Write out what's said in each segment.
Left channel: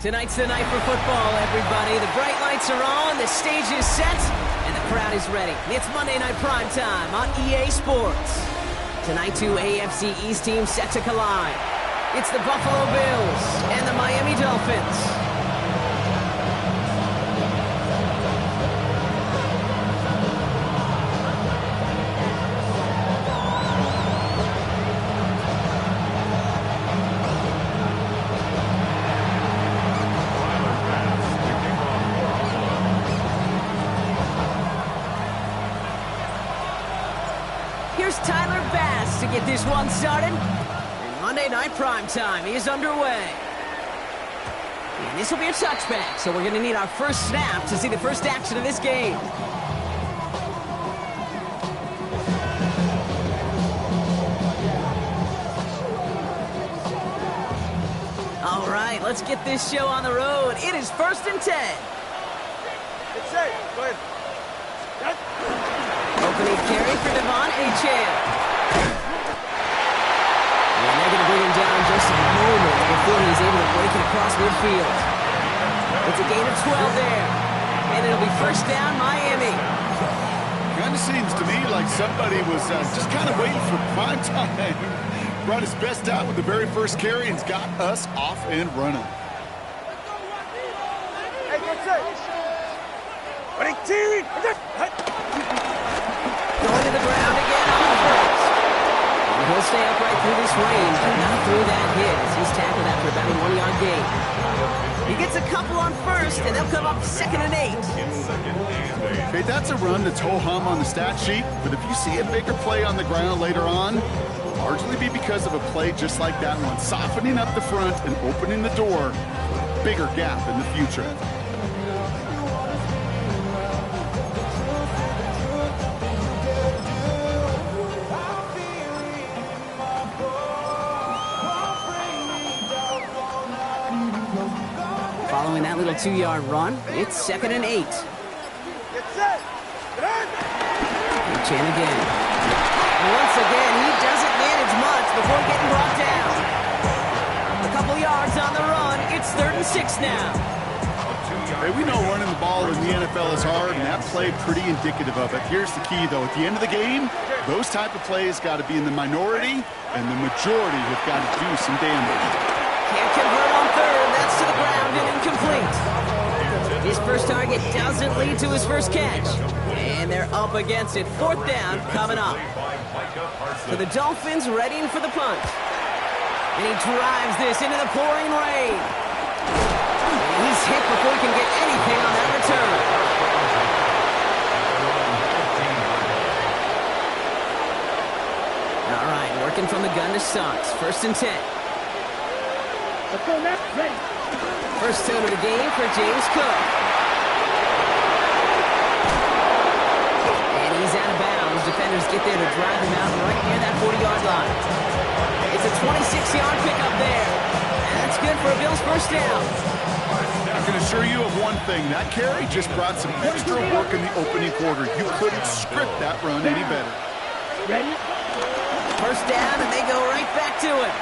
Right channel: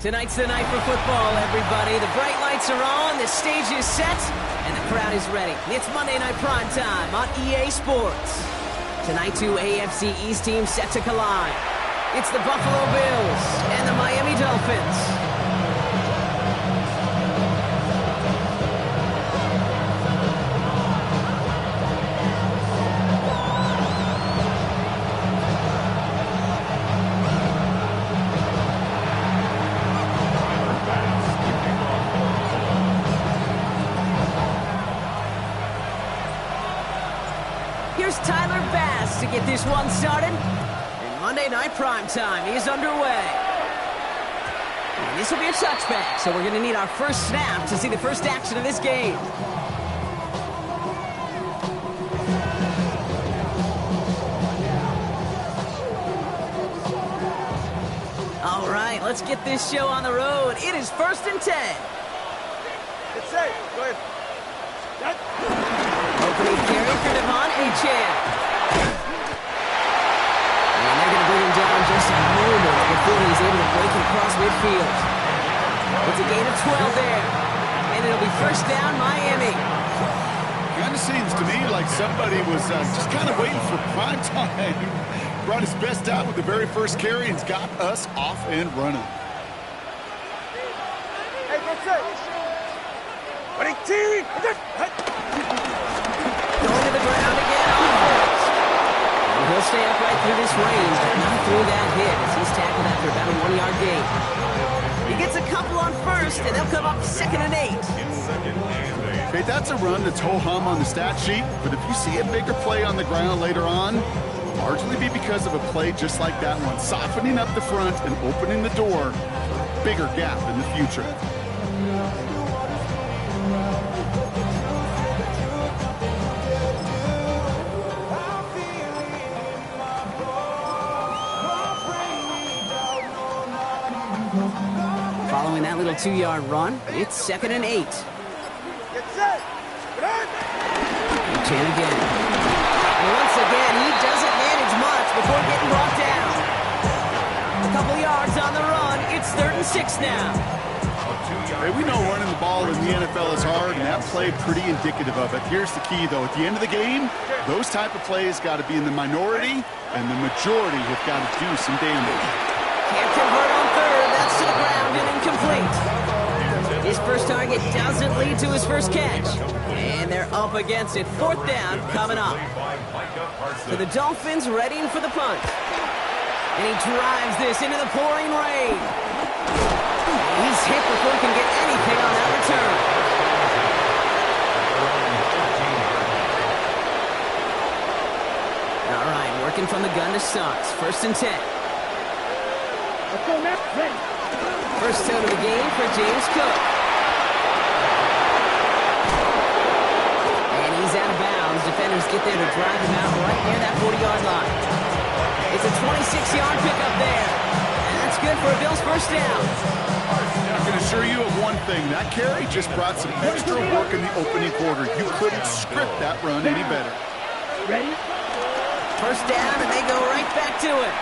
Tonight's the night for football, everybody. The bright lights are on, the stage is set, and the crowd is ready. It's Monday Night Primetime on EA Sports. Tonight, two AFC East teams set to collide. It's the Buffalo Bills and the Miami Dolphins. Here's Tyler Bass to get this one started. And Monday Night Primetime is underway. And this will be a touchback, so we're going to need our first snap to see the first action of this game. All right, let's get this show on the road. It is 1st and 10. It's safe. Go ahead. Opening carry for Devon Achane. And they're going to bring him down just a moment before he's able to break it across midfield. It's a gain of 12 there. And it'll be first down, Miami. Kind of seems to me like somebody was just kind of waiting for prime time. Brought his best out with the very first carry and's got us off and running. Hey, get set. Going to the ground again on first. And he'll stay upright through this rain, but not through that hit as he's tackled after about a 1-yard gain. He gets a couple on first, and they'll come up 2nd and 8. Okay, that's a run that's ho-hum on the stat sheet, but if you see a bigger play on the ground later on, it'll largely be because of a play just like that one, softening up the front and opening the door for a bigger gap in the future. Following that little 2-yard run, it's 2nd and 8. Get set. Chan again. And once again, he doesn't manage much before getting brought down. A couple yards on the run. It's 3rd and 6 now. Hey, we know running the ball in the NFL is hard, and that play pretty indicative of it. Here's the key, though. At the end of the game, those type of plays got to be in the minority, and the majority have got to do some damage. Can't convert on 3rd. That's to the ground and incomplete. His first target doesn't lead to his first catch. And they're up against it. 4th down coming up. So the Dolphins readying for the punt. And he drives this into the pouring rain. And he's hit before he can get anything on that return. All right, working from the gun to start. 1st and 10. Let's go now. Ready. First down of the game for James Cook. And he's out of bounds. Defenders get there to drive him out right near that 40-yard line. It's a 26-yard pickup there. And that's good for a Bills first down. I can assure you of one thing. That carry just brought some extra work in the opening quarter. You couldn't script that run any better. Ready? First down, and they go right back to it.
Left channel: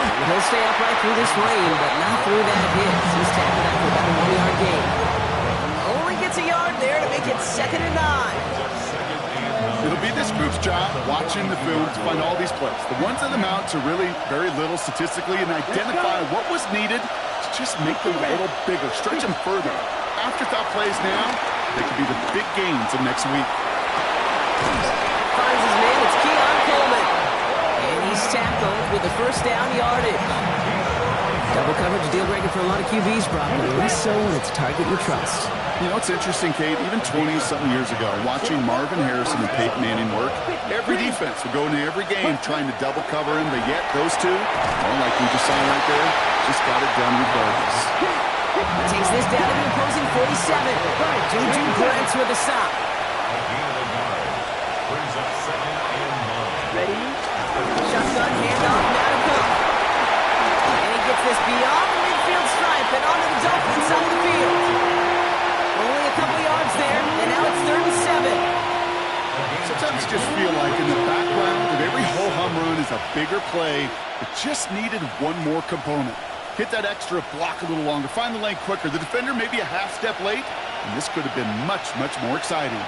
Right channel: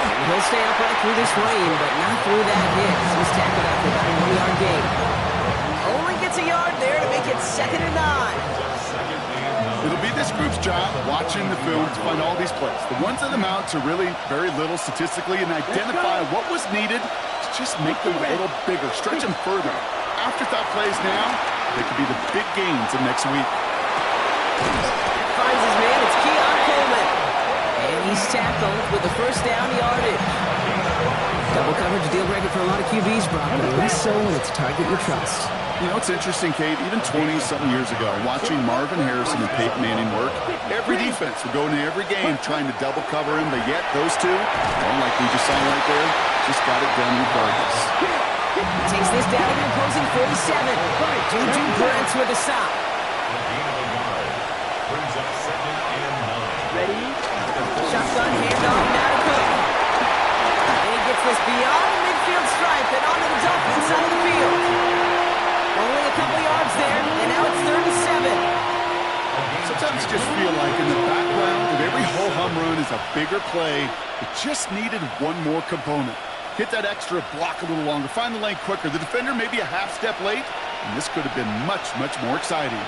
And he'll stay upright through this rain, but not through that hit. He's tackled after about a 1-yard gain. Only gets a yard there to make it 2nd and 9. It'll be this group's job watching the film to find all these plays. The ones that amount to really very little statistically and identify what was needed to just make them a little bigger, stretch them further. Afterthought plays now, they could be the big gains of next week. Finds his man, it's Keon Coleman. And he's tackled with the first down yardage. Double coverage, a deal breaker for a lot of QBs, Brock, but less so when it's a target you trust. You know, it's interesting, Kate, even 20-something years ago, watching Marvin Harrison and Peyton Manning work, every defense would go into every game trying to double cover him, but yet those two, well, like we just saw right there, just got it done regardless. He takes this down to the opposing 47. Juju Brents with a stop. Ready? Shotgun handoff now to Cook. And he gets this beyond the midfield stripe and onto the Dolphins side of the field. Only a couple yards there, and now it's 3rd and 7. Sometimes you just feel like in the background of every ho-hum run is a bigger play that just needed one more component. Hit that extra block a little longer. Find the lane quicker. The defender may be a half step late, and this could have been much, much more exciting.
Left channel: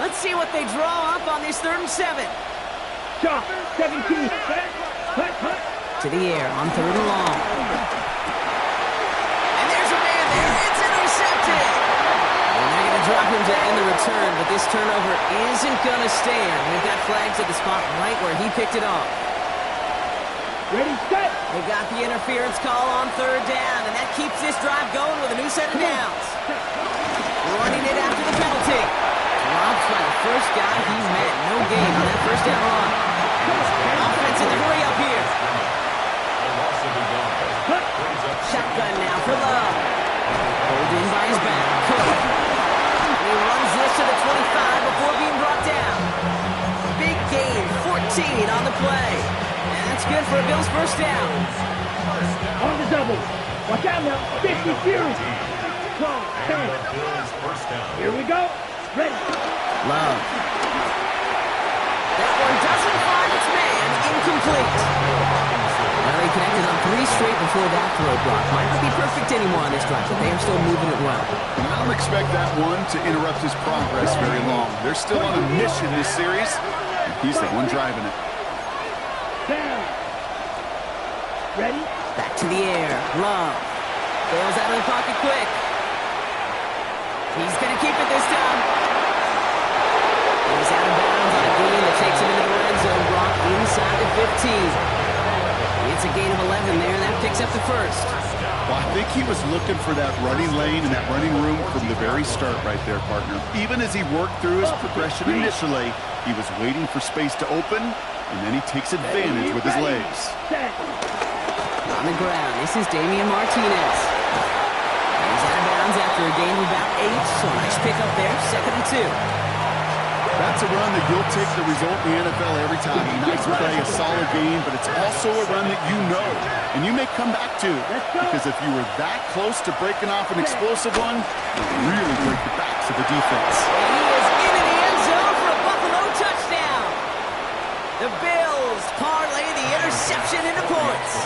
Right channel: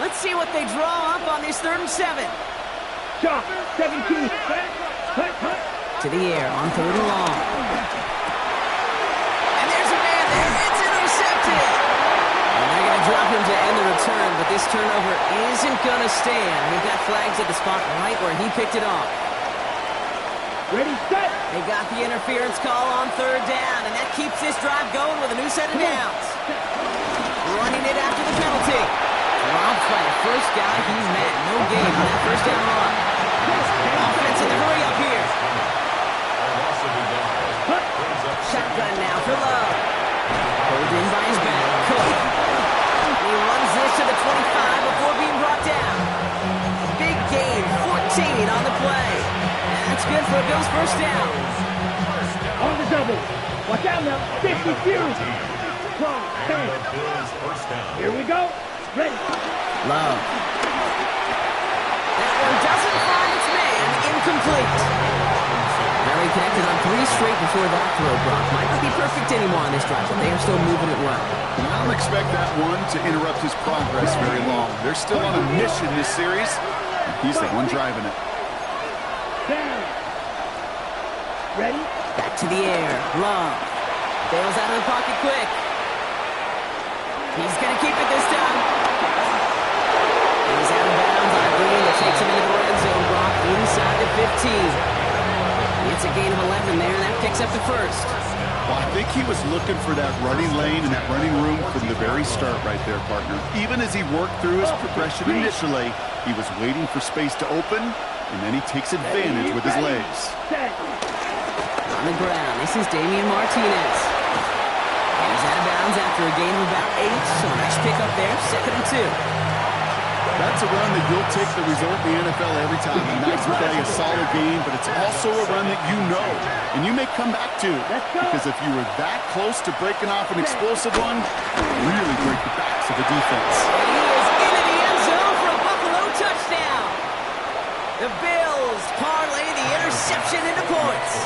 Let's see what they draw up on this 3rd and 7. Shot. 17. Hut. To the air on 3rd and long. And there's a man there. It's intercepted. And they're going to drop him to end the return, but this turnover isn't going to stand. We've got flags at the spot right where he picked it off. Ready, set. They got the interference call on 3rd down, and that keeps this drive going with a new set of downs. Running it after the penalty. Dropped by the first guy he's met. No gain on that 1st down run. Offense in the hurry up here. Shotgun now for Love. Pulled in by his back. Cook. He runs this to the 25 before being brought down. Big gain, 14 on the play. And that's good for a Bills 1st down. On the double. Watch out now. 50 Fury. 12, 10. Here we go. Ready. Love. That one doesn't find its man. Incomplete. Now they connected on 3 straight before that throw, Brock. Might not be perfect anymore on this drive, but they are still moving it well. And I don't expect that one to interrupt his progress very long. They're still on a mission this series, and he's the one driving it. Down. Ready. Back to the air. Love. Bails out of the pocket quick. He's going to keep it this time. He's out of bounds on a gain that takes him into the red zone, Brock, inside the 15. It's a gain of 11 there, and that picks up the 1st. Well, I think he was looking for that running lane and that running room from the very start right there, partner. Even as he worked through his progression initially, he was waiting for space to open, and then he takes advantage with his legs. On the ground, this is Damian Martinez. He's out of bounds after a gain of about 8, so a nice pickup there, 2nd and 2. That's a run that you'll take the result in the NFL every time. A nice play, a solid game, but it's also a run that you know, and you may come back to. Because if you were that close to breaking off an explosive one, you really break the backs of the defense. And he is into the end zone for a Buffalo touchdown. The Bills parlay the interception into points.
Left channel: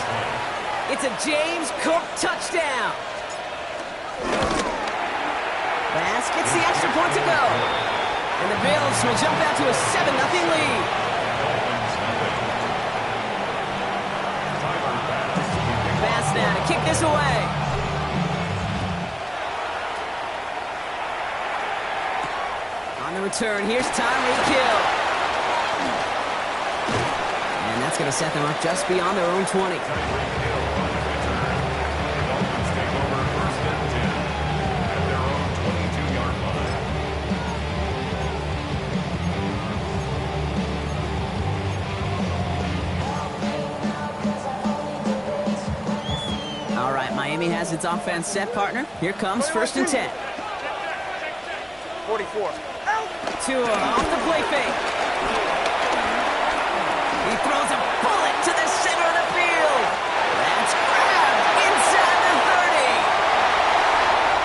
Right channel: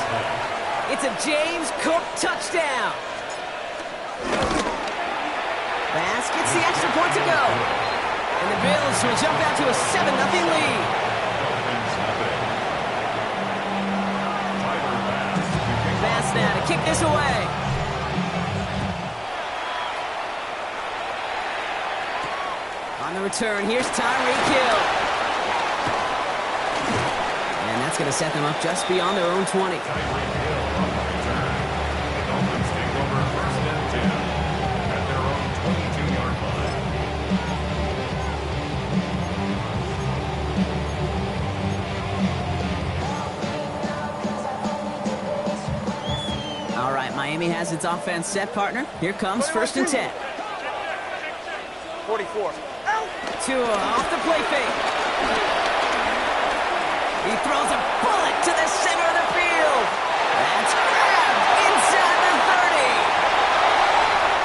It's a James Cook touchdown. Bass gets the extra point to go. And the Bills will jump out to a 7-0 lead. Bass now to kick this away. On the return, here's Tyreek Hill. And that's going to set them up just beyond their own 20. Miami has its offense set, partner. Here comes 1st and 10. 44. Tua off the play fake. He throws a bullet to the center of the field. That's grabbed inside the 30.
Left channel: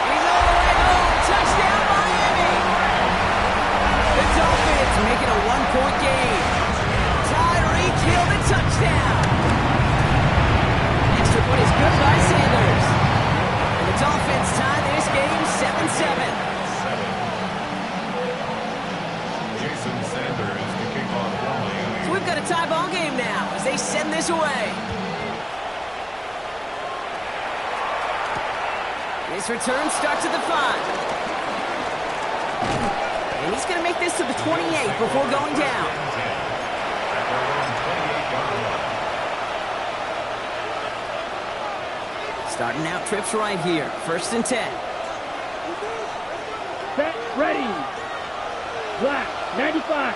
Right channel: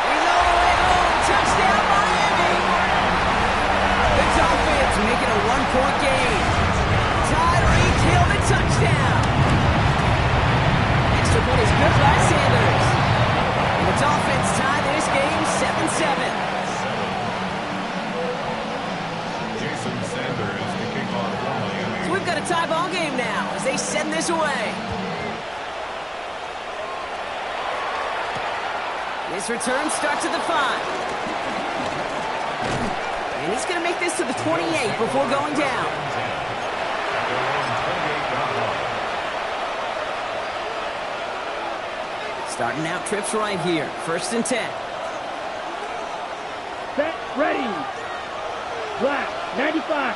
He's all the way home. Touchdown, Miami. The Dolphins make it a 1-point game. Tyreek Hill the touchdown. Extra point is good by Sanders. And the Dolphins tie this game 7-7. Jason Sanders to kick off for Miami. So we've got a tie ball game now as they send this away. This return starts at the 5. And he's going to make this to the 28 before going down. At their own 28-yard line. Starting out trips right here. 1st and 10. Set, ready. Black, 95.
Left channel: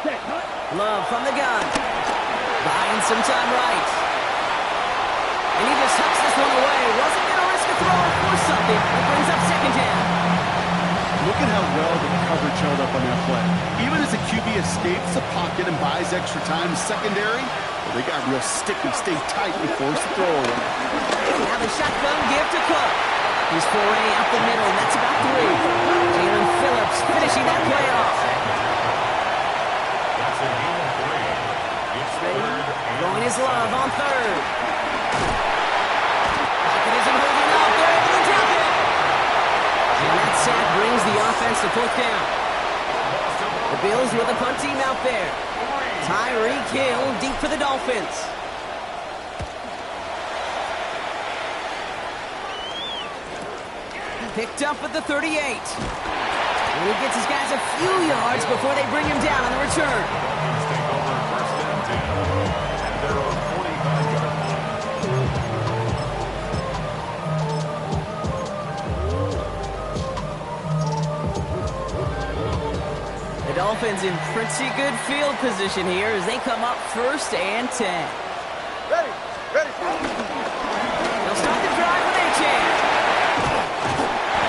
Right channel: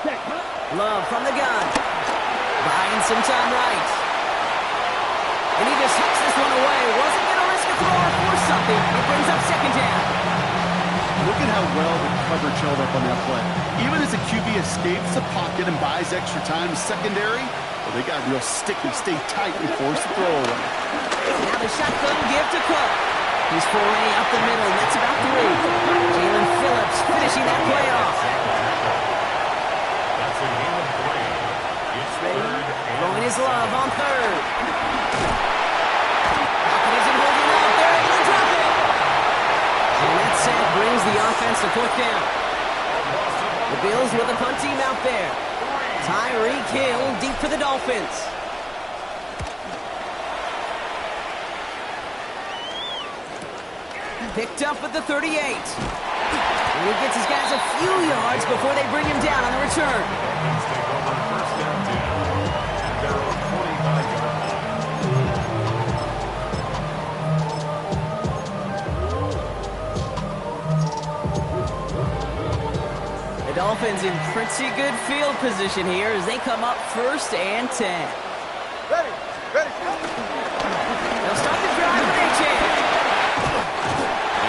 Set, hut. Love from the gun. Buying some time right. And he just hucks this one away. Wasn't going to risk a throw or force something. It brings up 2nd down. Look at how well the coverage held up on that play. Even as the QB escapes the pocket and buys extra time in secondary, well, they got real sticky, stay tight and force the throw away. Now the shotgun give to Cook. He's foray up the middle, and that's about 3. Jalen Phillips finishing that play off. ready, throwing his love on third. Pocket isn't holding up. They're able to drop it. And that sack brings the offense to fourth down. The Bills with a punt team out there. Tyreek Hill deep for the Dolphins. Picked up at the 38. And he gets his guys a few yards before they bring him down on the return. Dolphins take over first and 10 at their own 45-yard line. The Dolphins in pretty good field position here as they come up first and 10. Ready. They'll start the drive with Achane.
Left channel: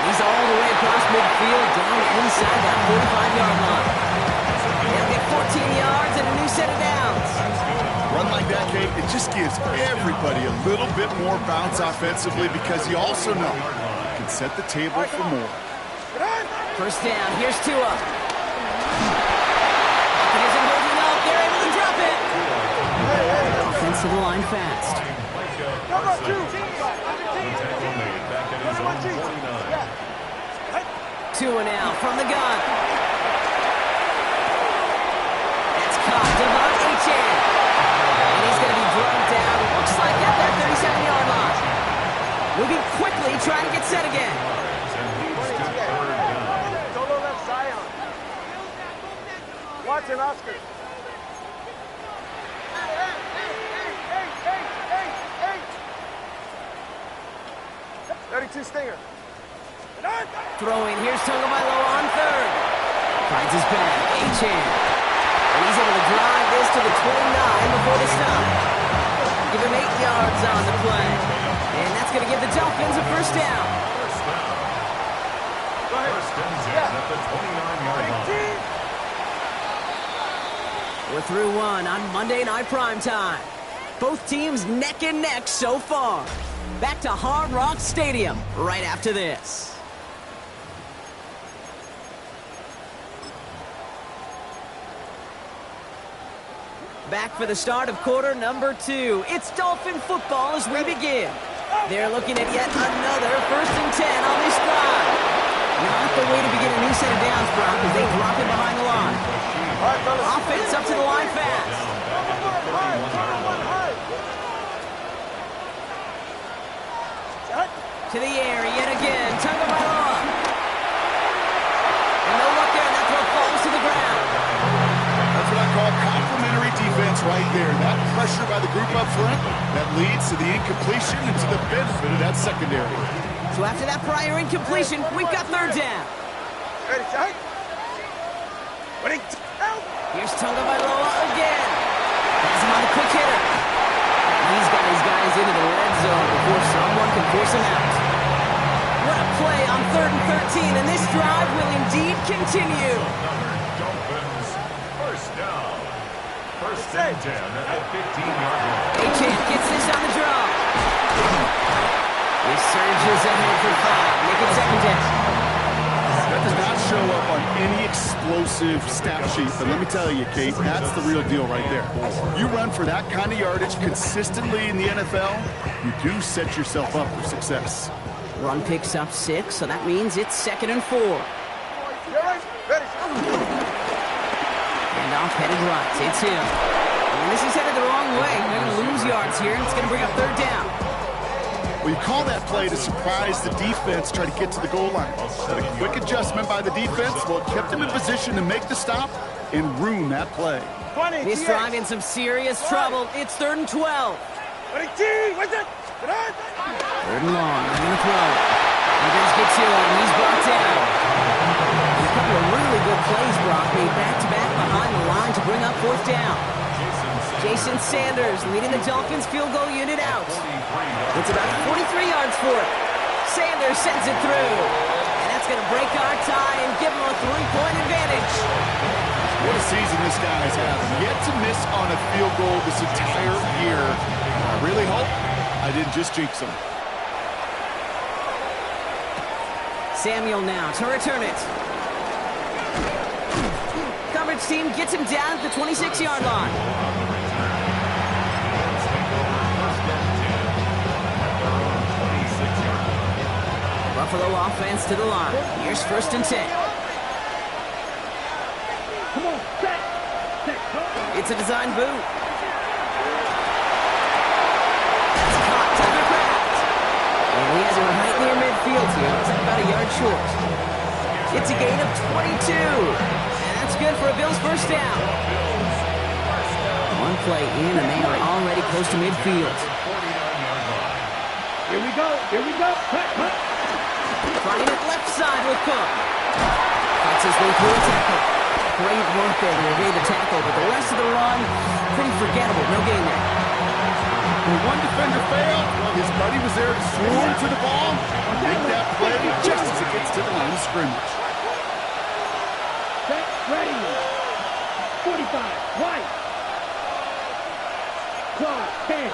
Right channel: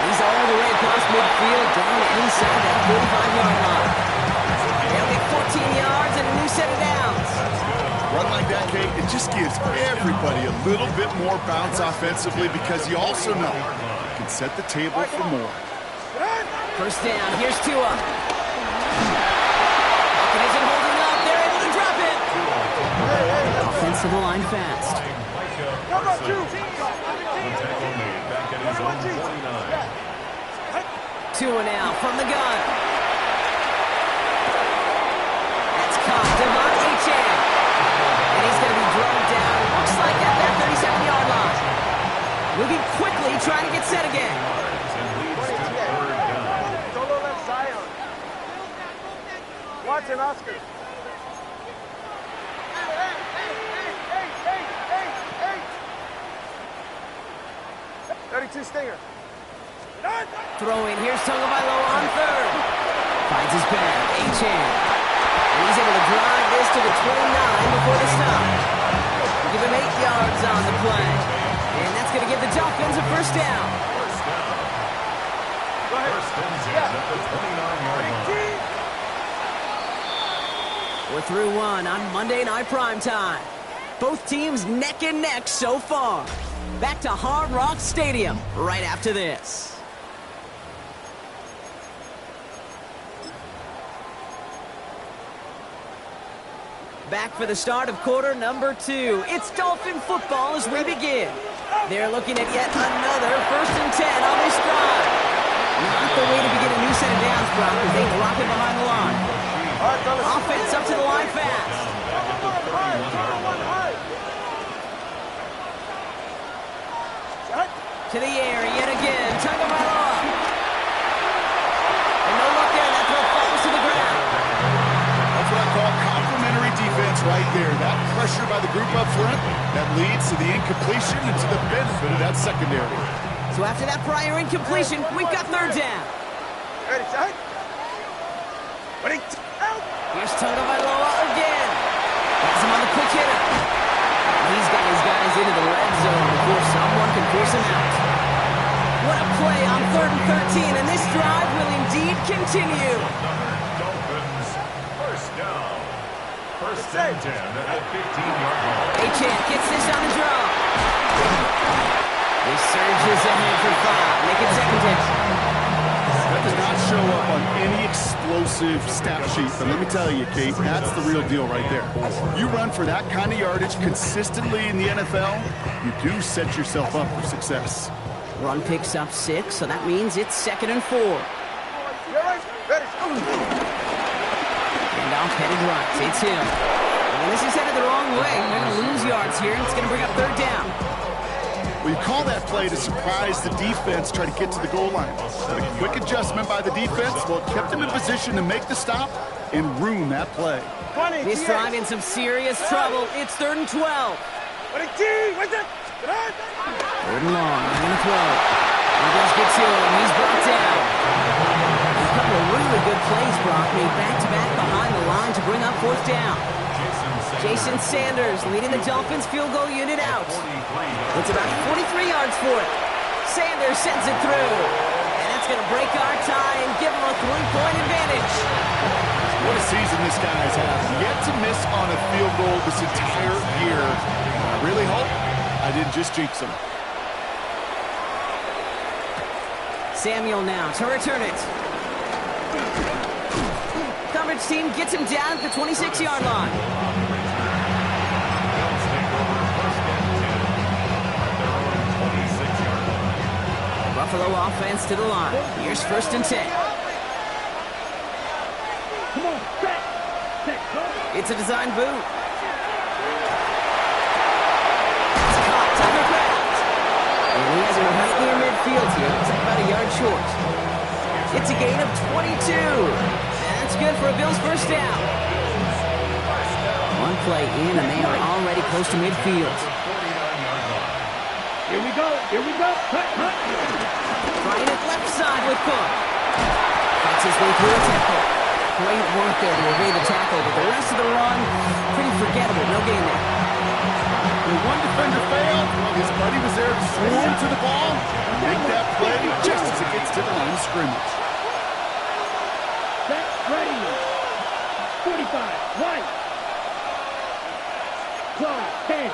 He's all the way across midfield, down inside that 45-yard line. They'll get 14 yards and a new set of downs. Run like that, Kate, it just gives everybody a little bit more bounce offensively because you also know you can set the table for more. First down, here's Tua. Pocket isn't holding up. They're able to drop it. Offensive line fast. Come on, two. Tackle made back at his own 49. Tua now from the gun. That's caught. Devon Achane. And he's going to be drugged down. Looks like at that 37-yard line. Moving quickly, trying to get set again. And leads to third down. Solo left Zion. Watson, Oscar. Hey. 32 Stinger. Throwing, here's Tagovailoa on third. Finds his back, Achane. And he's able to drive this to the 29 before the stop. Give him 8 yards on the play. And that's going to give the Dolphins a first down. First and 10 at the 29-yard line. We're through one on Monday Night Primetime. Both teams neck and neck so far. Back to Hard Rock Stadium right after this. Back for the start of quarter number 2. It's Dolphin football as we begin. They're looking at yet another first and 10 on this drive. Not the way to begin a new set of downs, Brock, as they drop it behind the line. Offense up to the line fast. To the air yet again. Tagovailoa. And no luck there, and that throw falls to the ground. That's what I call complimentary defense right there. That pressure by the group up front, that leads to the incompletion and to the benefit of that secondary. So after that prior incompletion, we've got third down. Ready, set. Ready, out. Here's Tagovailoa again. Has him on the quick hitter. And he's got his guys into the red zone before someone can force him out. What a play on 3rd and 13, and this drive will indeed continue. Another Dolphins first down. First and 10 at the 15-yard line. Achane gets this on the draw. He surges ahead for 5. Make it second down. That does not show up on any explosive stat sheet, but let me tell you, Kate, that's the real deal right there. You run for that kind of yardage consistently in the NFL, you do set yourself up for success. Run picks up 6, so that means it's 2nd and 4. Ready. And off headed right. It's him. And this is headed the wrong way. They're going to lose yards here, and it's going to bring up third down. Well, you call that play to surprise the defense, try to get to the goal line. But a quick adjustment by the defense, well, it kept them in position to make the stop and ruin that play. This drive in some serious trouble. It's 3rd and 12. Ready, T. What's it? 3rd and long. They're going to throw. Rivers gets to him. He's brought down. And a couple of really good plays, Brock, made back-to-back behind the line to bring up 4th down. Jason Sanders leading the Dolphins field goal unit out. It's about 43 yards for it. Sanders sends it through. And that's going to break our tie and give him a 3-point advantage. What a season this guy's had. Yet to miss on a field goal this entire year. I really hope I didn't just jinx him. Samuel now to return it. Coverage team gets him down at the 26-yard line. Buffalo offense to the line. Here's 1st and 10. Come on, set. Set, go. It's a design boot. It's caught. Tucker Kraft. And he has it right near midfield here. It's like about a yard short. It's a gain of 22. And that's good for a Bills 1st down. One play in, and they are already close to midfield. Here we go. Here we go. Cut, cut. Trying it left side with Cook. Fights his way through a tackle. Great work there to evade the tackle, but the rest of the run, pretty forgettable. No gain there. When one defender failed, well, his buddy was there to swarm to the ball, make that play just as it gets to the line of scrimmage. Set, ready. 45, right. Close, 10.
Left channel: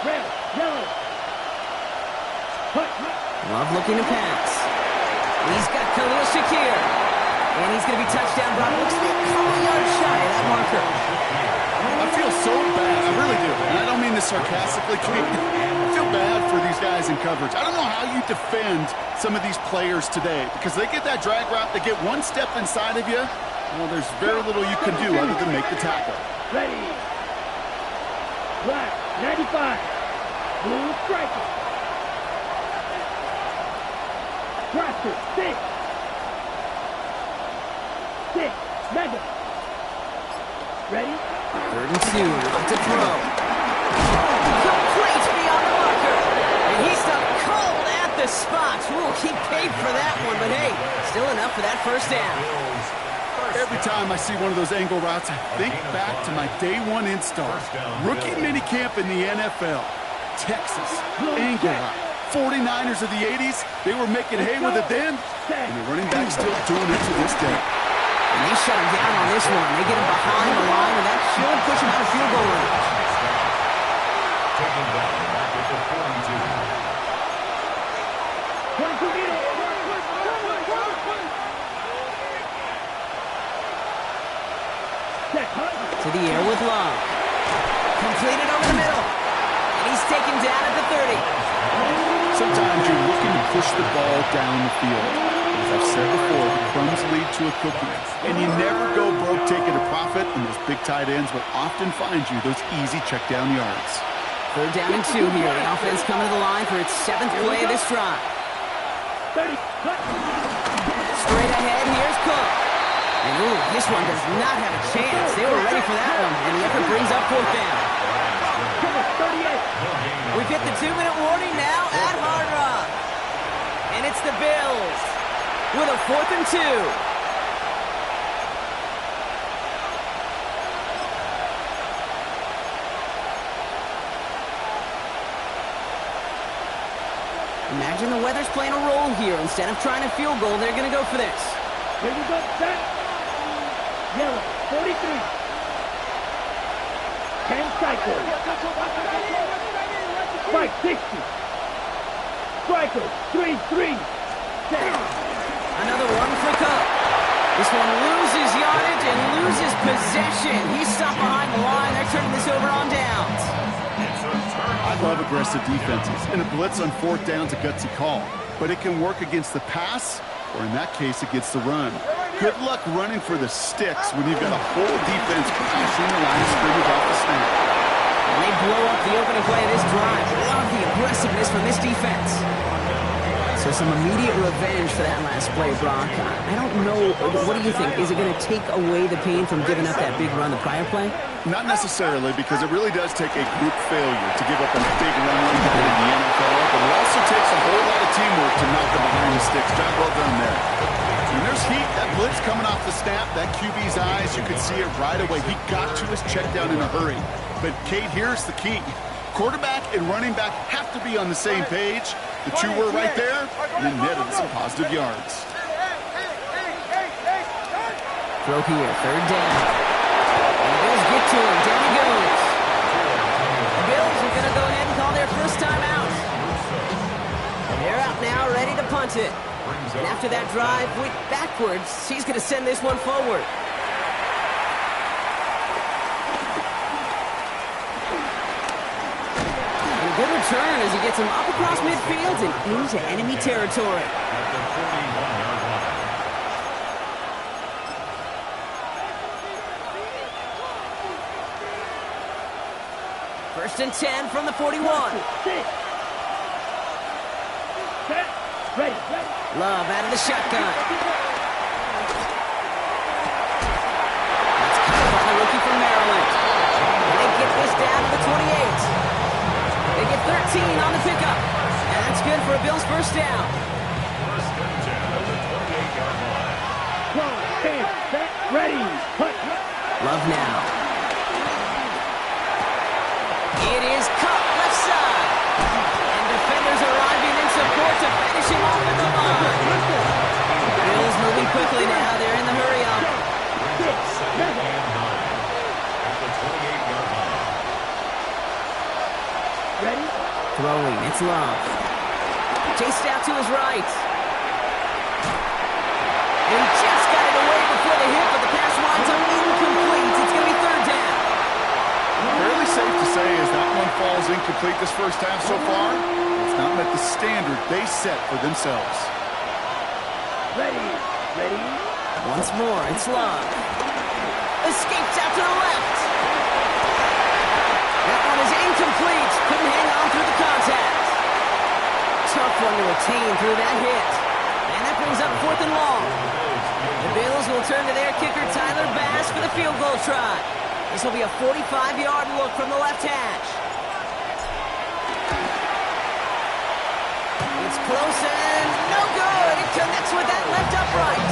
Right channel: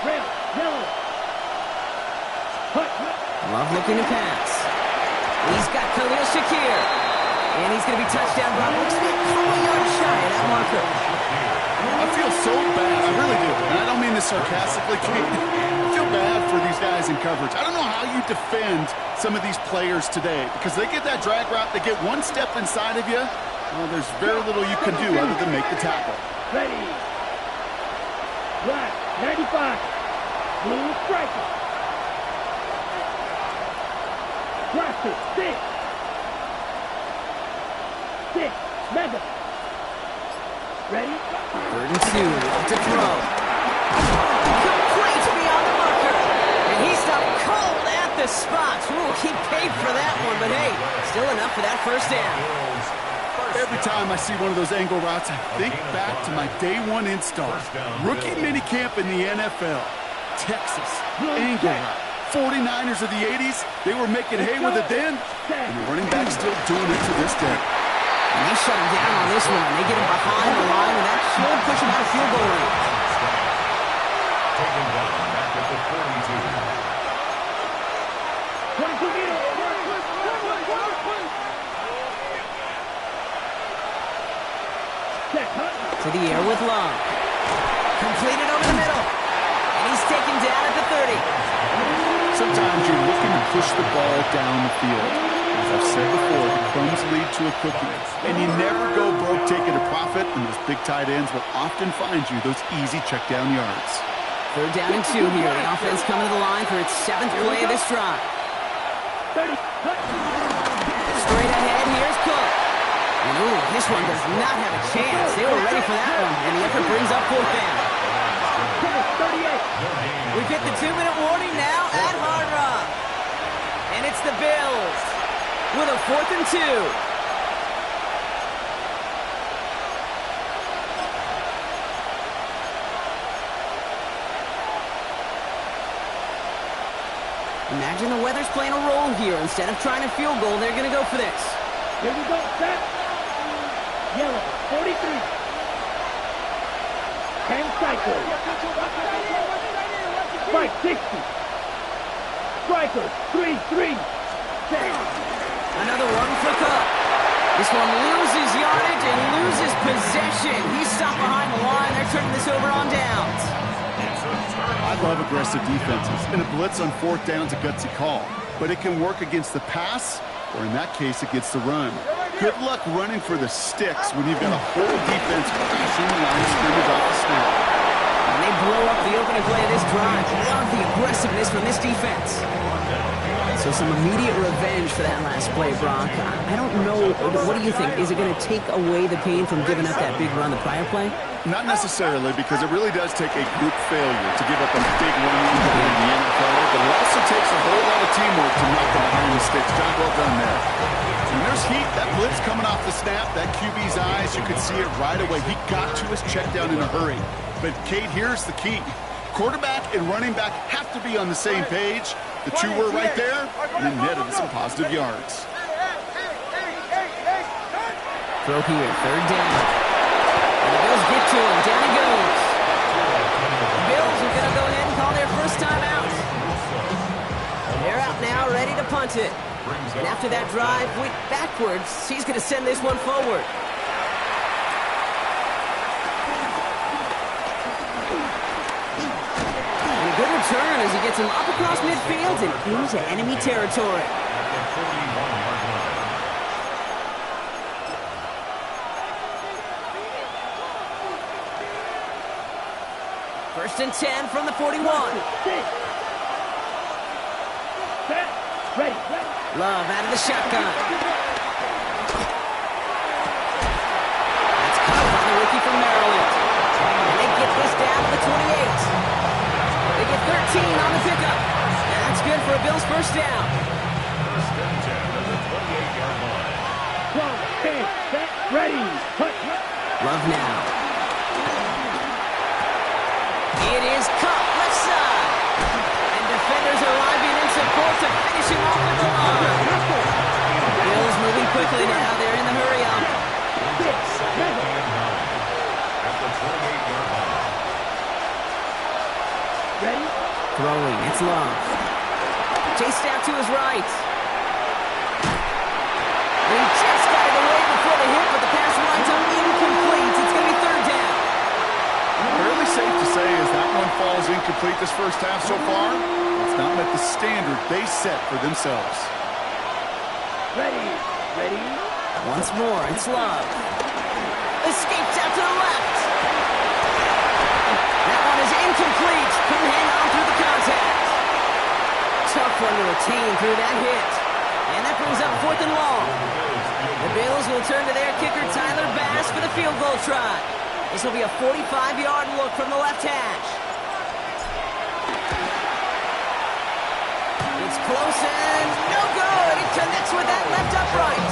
Red, yellow. Hut, hut. Love looking to pass. He's got Khalil Shakir. And he's going to be touchdown brought. Looks to be a couple yards shy of that marker. I feel so bad. I really do. And I don't mean this sarcastically, Kate. I feel bad for these guys in coverage. I don't know how you defend some of these players today because they get that drag route, they get one step inside of you. Well, there's very little you can do other than make the tackle. Ready. Black, 95. Blue striker. Grafter, 6. 6. Mega. Ready? 3rd and 2. Left to throw. Complete beyond the marker. And he stopped cold at the spot. Ooh, he paid for that one, but hey, still enough for that 1st down. Every time I see one of those angle routes, I think back to my day 1 install. Rookie minicamp in the NFL. Texas, angle route. 49ers of the 80s, they were making hay with it then, and the running back's still doing it to this day. And they shut him down on this one. They get him behind the line, and that should push him out of field goal range. Taken down back at the 42. 22 meters. Set, hut. To the air with Long. Completed over the middle. And he's taken down at the 30. Sometimes you're looking to push the ball down the field. As I've said before, the crumbs lead to a cookie. And you never go broke taking a profit, and those big tight ends will often find you those easy check down yards. 3rd down and 2 here. The offense coming to the line for its 7th play of this drive. 30, hut. Straight ahead, here's Cook. And ooh, this one does not have a chance. They were ready for that one, and the effort brings up 4th down. 38. We've hit the 2-minute warning now at Hard Rock. And it's the Bills with a 4th and 2. Imagine the weather's playing a role here. Instead of trying a field goal, they're going to go for this. Here we go, set. Yellow, 43. 10 cycles. Spike, 60. Strikers, 3-3. Set. Another one for Cook. This one loses yardage and loses possession. He's stopped behind the line. They're turning this over on downs. I love aggressive defenses, and a blitz on 4th down is a gutsy call. But it can work against the pass, or in that case, against the run. Good luck running for the sticks when you've got a whole defense crashing the line of scrimmage off the snap. And they blow up the opening play of this drive. Love the aggressiveness from this defense. So some immediate revenge for that last play, Brock. I don't know. What do you think? Is it going to take away the pain from giving up that big run the prior play? Not necessarily, because it really does take a group failure to give up a big run like that in the NFL, but it also takes a whole lot of teamwork to knock them behind the sticks. Job well done there. And there's heat. That blitz coming off the snap, that QB's eyes, you could see it right away. He got to his check down in a hurry. But, Kate, here's the key. Quarterback and running back have to be on the same page. The two were right there, and it netted some positive yards. Throw here, 3rd down. And the Bills get to him. Down he goes. The Bills are going to go ahead and call their first time out. They're out now, ready to punt it. And after that drive went backwards, he's going to send this one forward. return as he gets him up across midfield and into enemy territory. At the 41-yard line. First and 10 from the 41. Set. Ready. Love out of the shotgun. That's caught by the rookie from Maryland. And they get this down to the 28. They get 13 on the pickup. And that's good for a Bills first down. First and 10 at the 28-yard line. 12, 10, set, ready. Hunt. Love now. It is Cup left side. And defenders arriving in support to finish him off at the line. Bills moving quickly now. They're in the hurry up. Second and 9 at the 28-yard line. Ready? Throwing, it's Love. Chased out to his right. He just got it away before the hit, but the pass winds up incomplete. It's going to be third down. Fairly safe to say as that one falls incomplete this first half so far, it's not met the standard they set for themselves. Ready. Once more, it's Love. Escapes out to the left. That one is incomplete. Couldn't hang on through the contact. Tough one to retain through that hit. And that brings up fourth and long. The Bills will turn to their kicker, Tyler Bass, for the field goal try. This will be a 45-yard look from the left hash. It's close and no good. It connects with that left upright.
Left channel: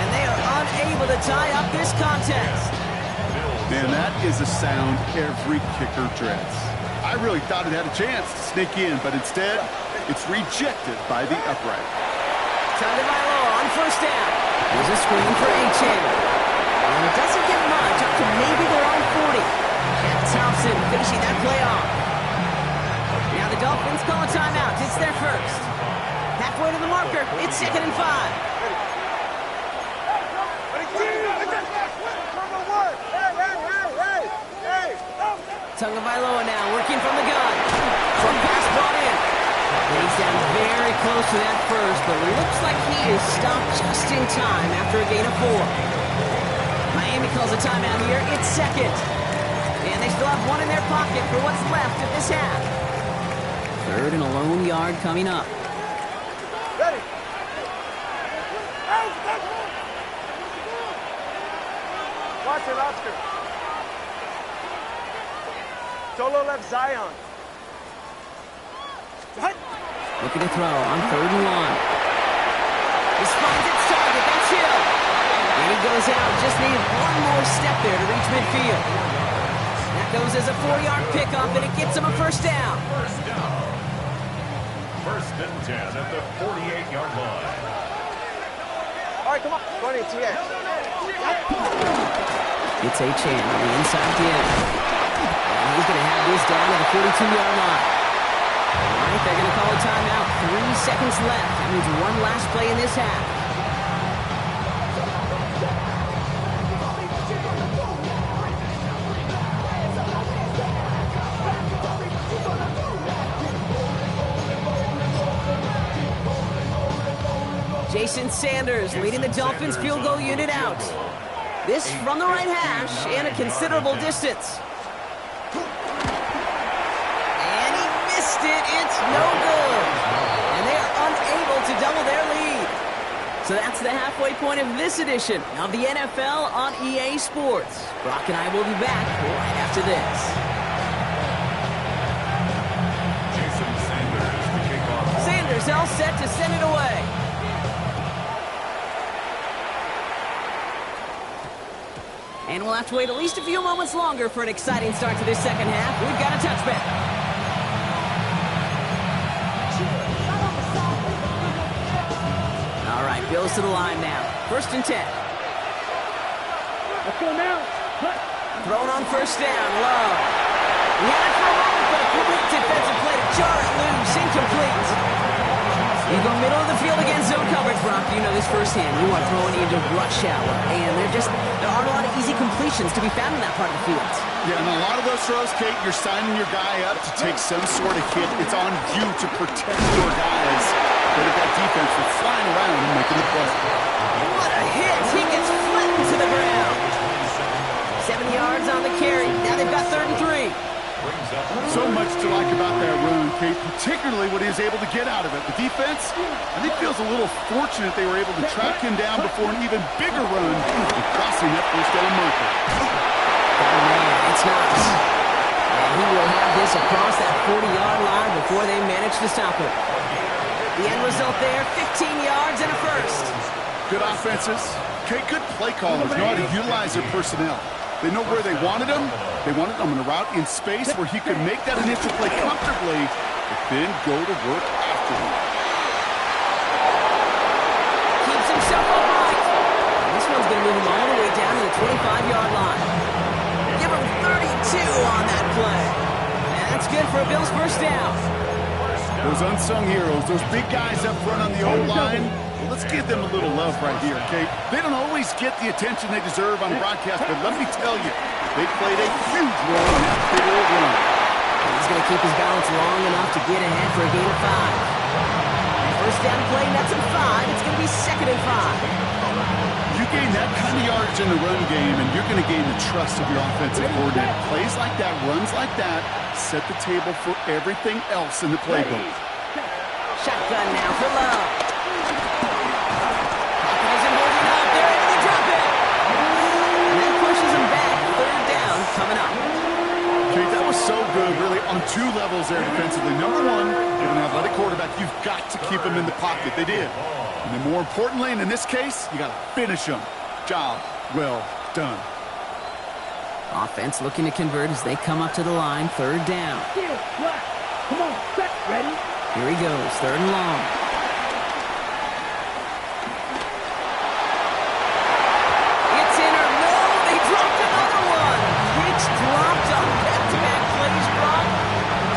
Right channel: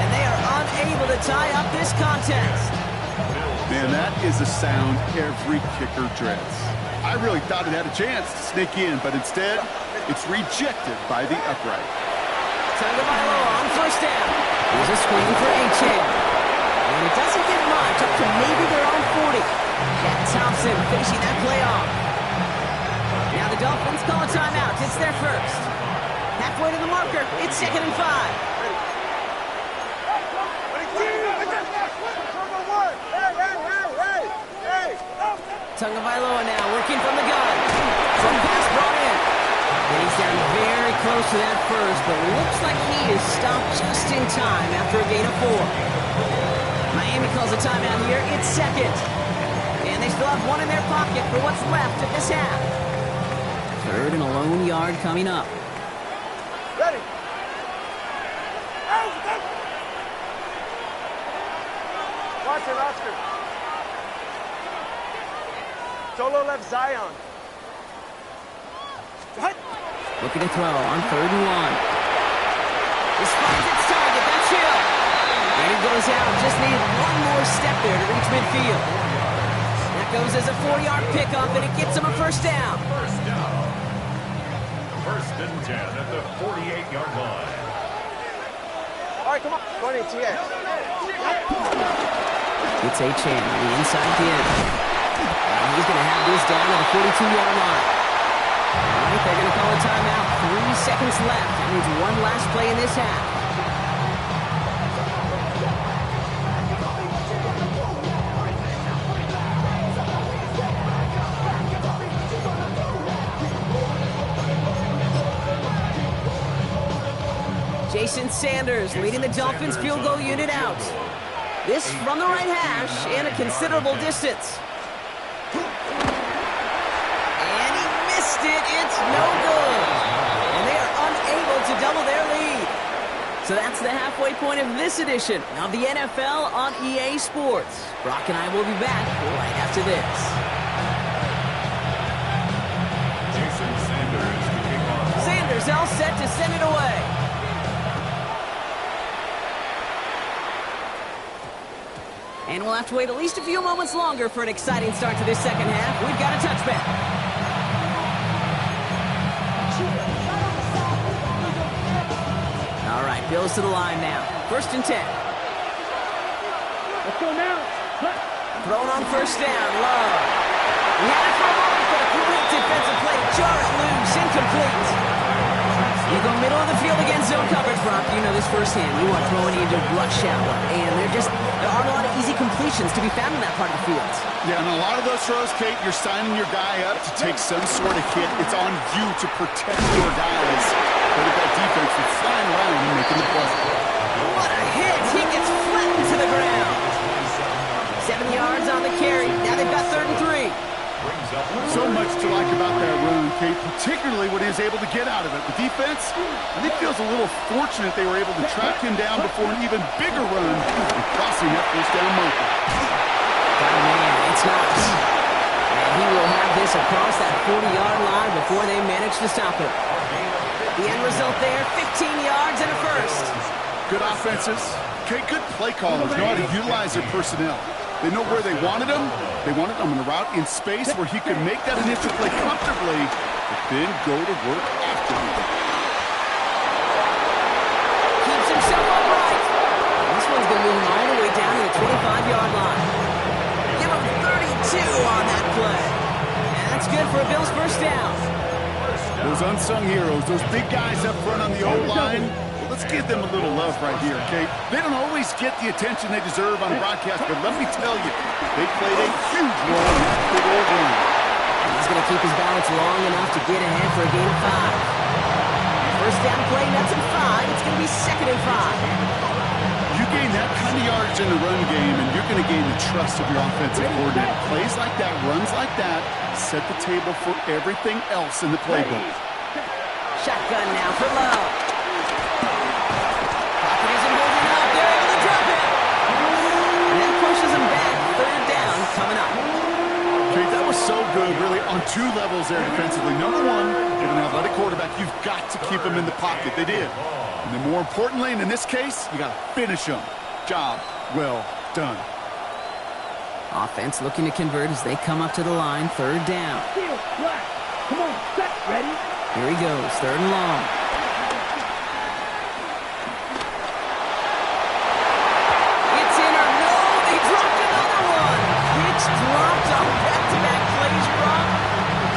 And they are unable to tie up this contest. Man, that is a sound every kicker dreads. I really thought it had a chance to sneak in, but instead, it's rejected by the upright. Tagovailoa on first down. Here's a screen for Achane. And it doesn't get much, up to maybe their own 40. Jack Thompson finishing that play off. Now the Dolphins call a timeout. It's their first. Halfway to the marker, it's 2nd and 5. Tagovailoa now working from the gun. Short pass brought in. And he's down very close to that first, but looks like he is stopped just in time after a gain of 4. Miami calls a timeout here. It's second. And they still have one in their pocket for what's left of this half. Third and a lone yard coming up. Ready. Watch it, Oscar. Solo left Zion. Looking to throw on 3rd and 1. This finds its target. That's Hill. And he goes out. Just needed one more step there to reach midfield. That goes as a 4-yard pickup, and it gets him a first down. First down. First and 10 at the 48-yard line. All right, come on. 20, TX. It's Achane on the inside in. And he's going to have this down at the 42-yard line. All right, they're going to call a timeout. 3 seconds left. That means one last play in this half. Jason Sanders leading the Dolphins field goal unit out. This from the right hash and a considerable distance. And he missed it. It's no good. And they are unable to double their lead. So that's the halfway point of this edition of the NFL on EA Sports. Brock and I will be back right after this. Jason Sanders to kick off. Sanders all set to send it away. And we'll have to wait at least a few moments longer for an exciting start to this second half. We've got a touchback. All right, Bills to the line now. 1st and 10. Let's go now. Hunt. Thrown on first down, Love. He had it for a moment, but a great defensive play to jar it loose. Incomplete. You go middle of the field against zone coverage, Brock. You know this firsthand. You are throwing into rush hour, and there aren't a lot of easy completions to be found in that part of the field. Yeah, and a lot of those throws, Kate, you're signing your guy up to take some sort of hit. It's on you to protect your guys. But if that defense was flying around and making the play. What a hit! He gets flattened to the ground. 7 yards on the carry. Now they've got 3rd and 3. So much to like about that run, Kate, particularly what he was able to get out of it. The defense, I think, feels a little fortunate they were able to track him down before an even bigger run and crossing that first down marker. Got a man. It's Knox. And he will have this across that 40-yard line before they manage to stop it. The end result there, 15 yards and a first. Good offenses. Kate, good play callers know how to utilize their personnel. They know where they wanted him. They wanted him in a route in space where he could make that initial play comfortably, but then go to work after him. Keeps himself upright. And this one's going to move him all the way down to the 25-yard line. Give him 32 on that play. And that's good for a Bills first down. Those unsung heroes, those big guys up front on the O-line, well, let's give them a little love right here, Kate. They don't always get the attention they deserve on broadcast, but let me tell you, they played a huge role in that big old run. He's going to keep his balance long enough to get ahead for a gain of 5. First down play, that's a 5. It's going to be 2nd and 5. You gain that kind of yardage in the run game, and you're going to gain the trust of your offensive coordinator. Plays like that, runs like that, set the table for everything else in the playbook. Shotgun now for Lowe. Pocket isn't holding up. They're able to drop it. And that pushes him back. 3rd down coming up. Okay, that was so good, really, on 2 levels there defensively. Number 1, with an athletic quarterback, you've got to keep him in the pocket. They did. And then more importantly, and in this case, you got to finish him. Job well done. Offense looking to convert as they come up to the line. 3rd down. Steal, flat. Come on, set, ready. Here he goes, 3rd and long. It's in or no, they dropped another one. It's dropped on back-to-back plays, Brock.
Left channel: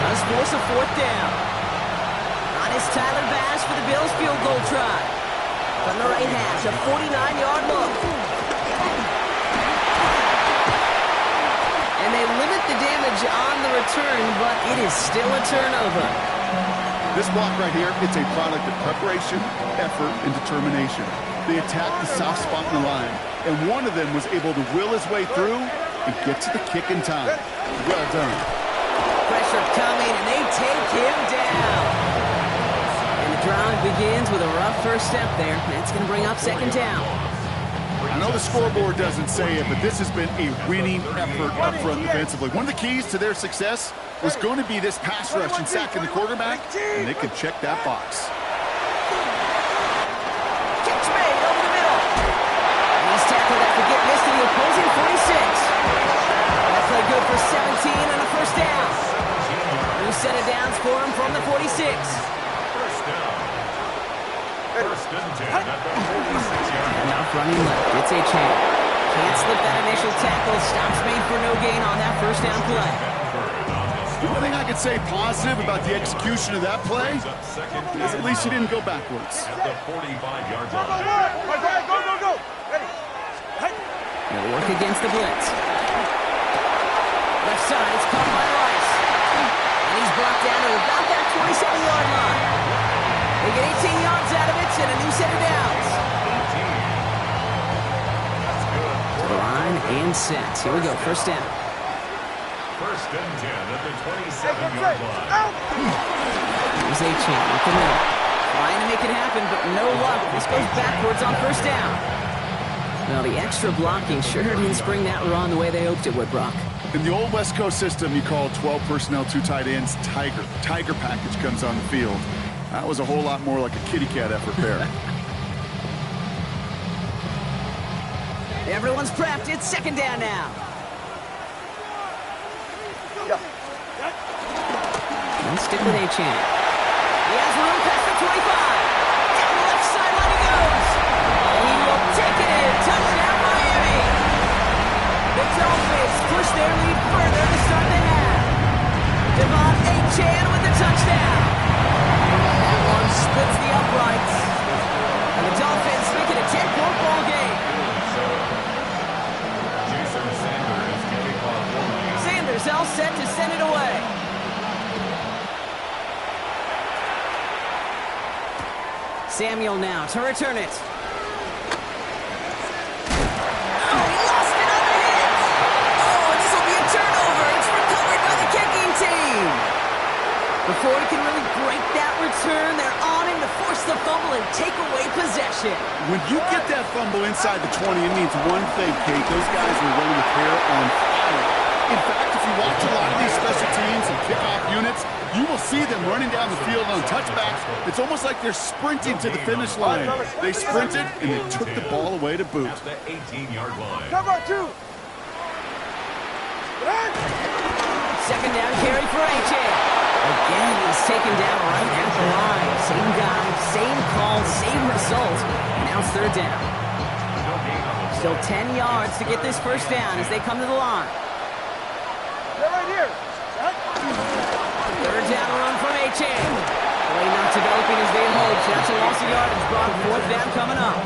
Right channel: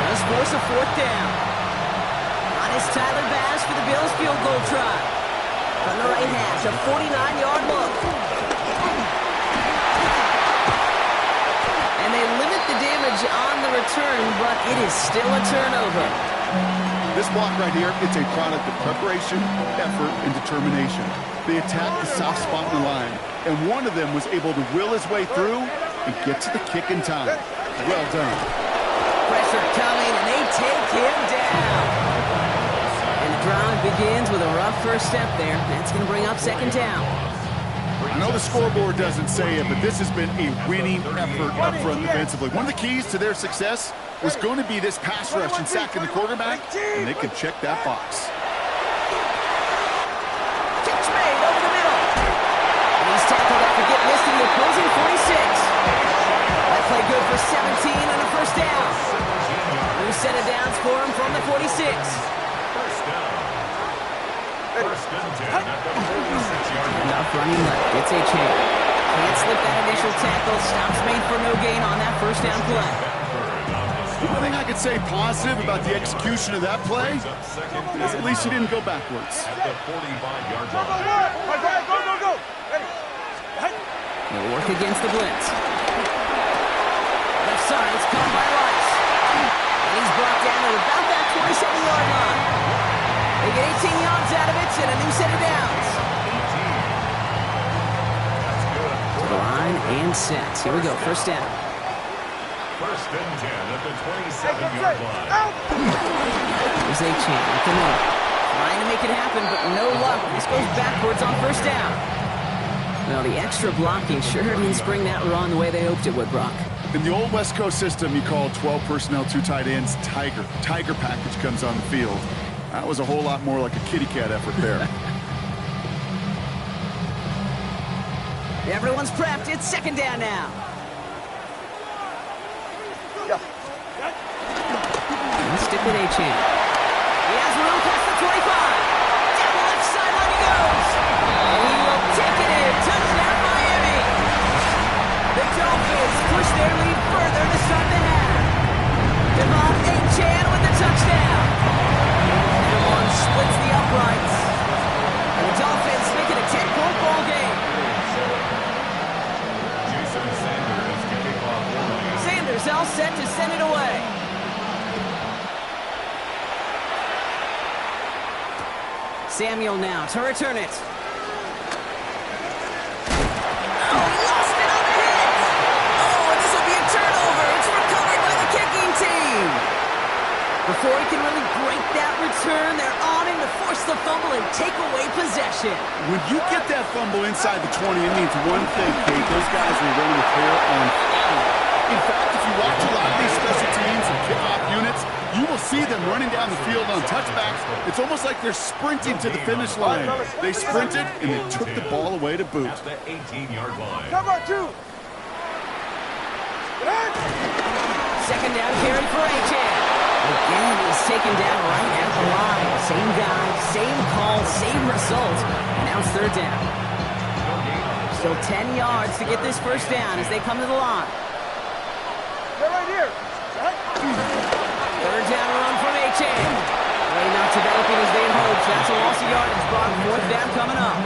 Does force a 4th down. On is Tyler Bass for the Bills field goal try. From the right hash, a 49-yard look. And they limit the damage on the return, but it is still a turnover. This block right here, it's a product of preparation, effort, and determination. They attacked the soft spot in the line, and one of them was able to will his way through and get to the kick in time. Well done. Pressure coming, and they take him down. And the drive begins with a rough first step there. That's going to bring up 2nd down. I know the scoreboard doesn't say it, but this has been a winning effort up front defensively. One of the keys to their success was going to be this pass rush and sacking the quarterback, and they can check that box. Catch made over the middle. And he's tackled after getting this to the opposing 46. That play good for 17 and a first down. New set of downs for him from the 46. First down. 1st and 10 at the 46-yard line. Enough running left. It's a chance. Can't slip that initial tackle. Stops made for no gain on that first down play. One thing I could say positive about the execution of that play is at least he didn't go backwards. At the 45-yard Go, line. go, go, go. Ready. He'll work against the blitz. Left side, it's caught by Rice. And he's brought down to about that 27-yard line. They get 18 yards out of it and a new set of downs. 18. That's good. To the line and set. Here we go, first down. 1st and 10 at the 27-yard line. Here's A-Chain up the middle. Trying to make it happen, but no luck. This goes backwards on first down. Well, the extra blocking sure didn't spring that run the way they hoped it would, Brock. In the old West Coast system, you call 12 personnel, 2 tight ends, Tiger. Tiger package comes on the field. That was a whole lot more like a kitty cat effort there. Everyone's prepped. It's 2nd down now. Let's stick with A-Chain. He has room past the 25. Down the left sideline he goes. And he will take it in. Touchdown, Miami. The Dolphins push their lead further to start the half. Devon A-Chain with the touchdown. That one splits the uprights. And the Dolphins make it a 10-point ball game. Jason Sanders to kick off one. Sanders all set to send it away. Samuel now to return it. Oh, he lost it on the hit. Oh, and this will be a turnover. It's recovered by the kicking team. Before he can really break that return, they're on him to force the fumble and take away possession. When you get that fumble inside the 20, it means one thing, Kate. Those guys will run with hair on fire. In fact, if you watch a lot of these special teams and kickoff units, you will see them running down the field on touchbacks. It's almost like they're sprinting to the finish line. They sprinted, and they took the ball away to boot. At the 18-yard line. Come on, two. Second down carry for A-Chan. Again, he's taken down right at the line. Same guy, same call, same result. And now it's third down. Still 10 yards to get this first down as they come to the line. They're right here. Right? Third down run from A-Chan. Play not developing as they had hoped. That's a loss of yardage. Brock, fourth down coming up.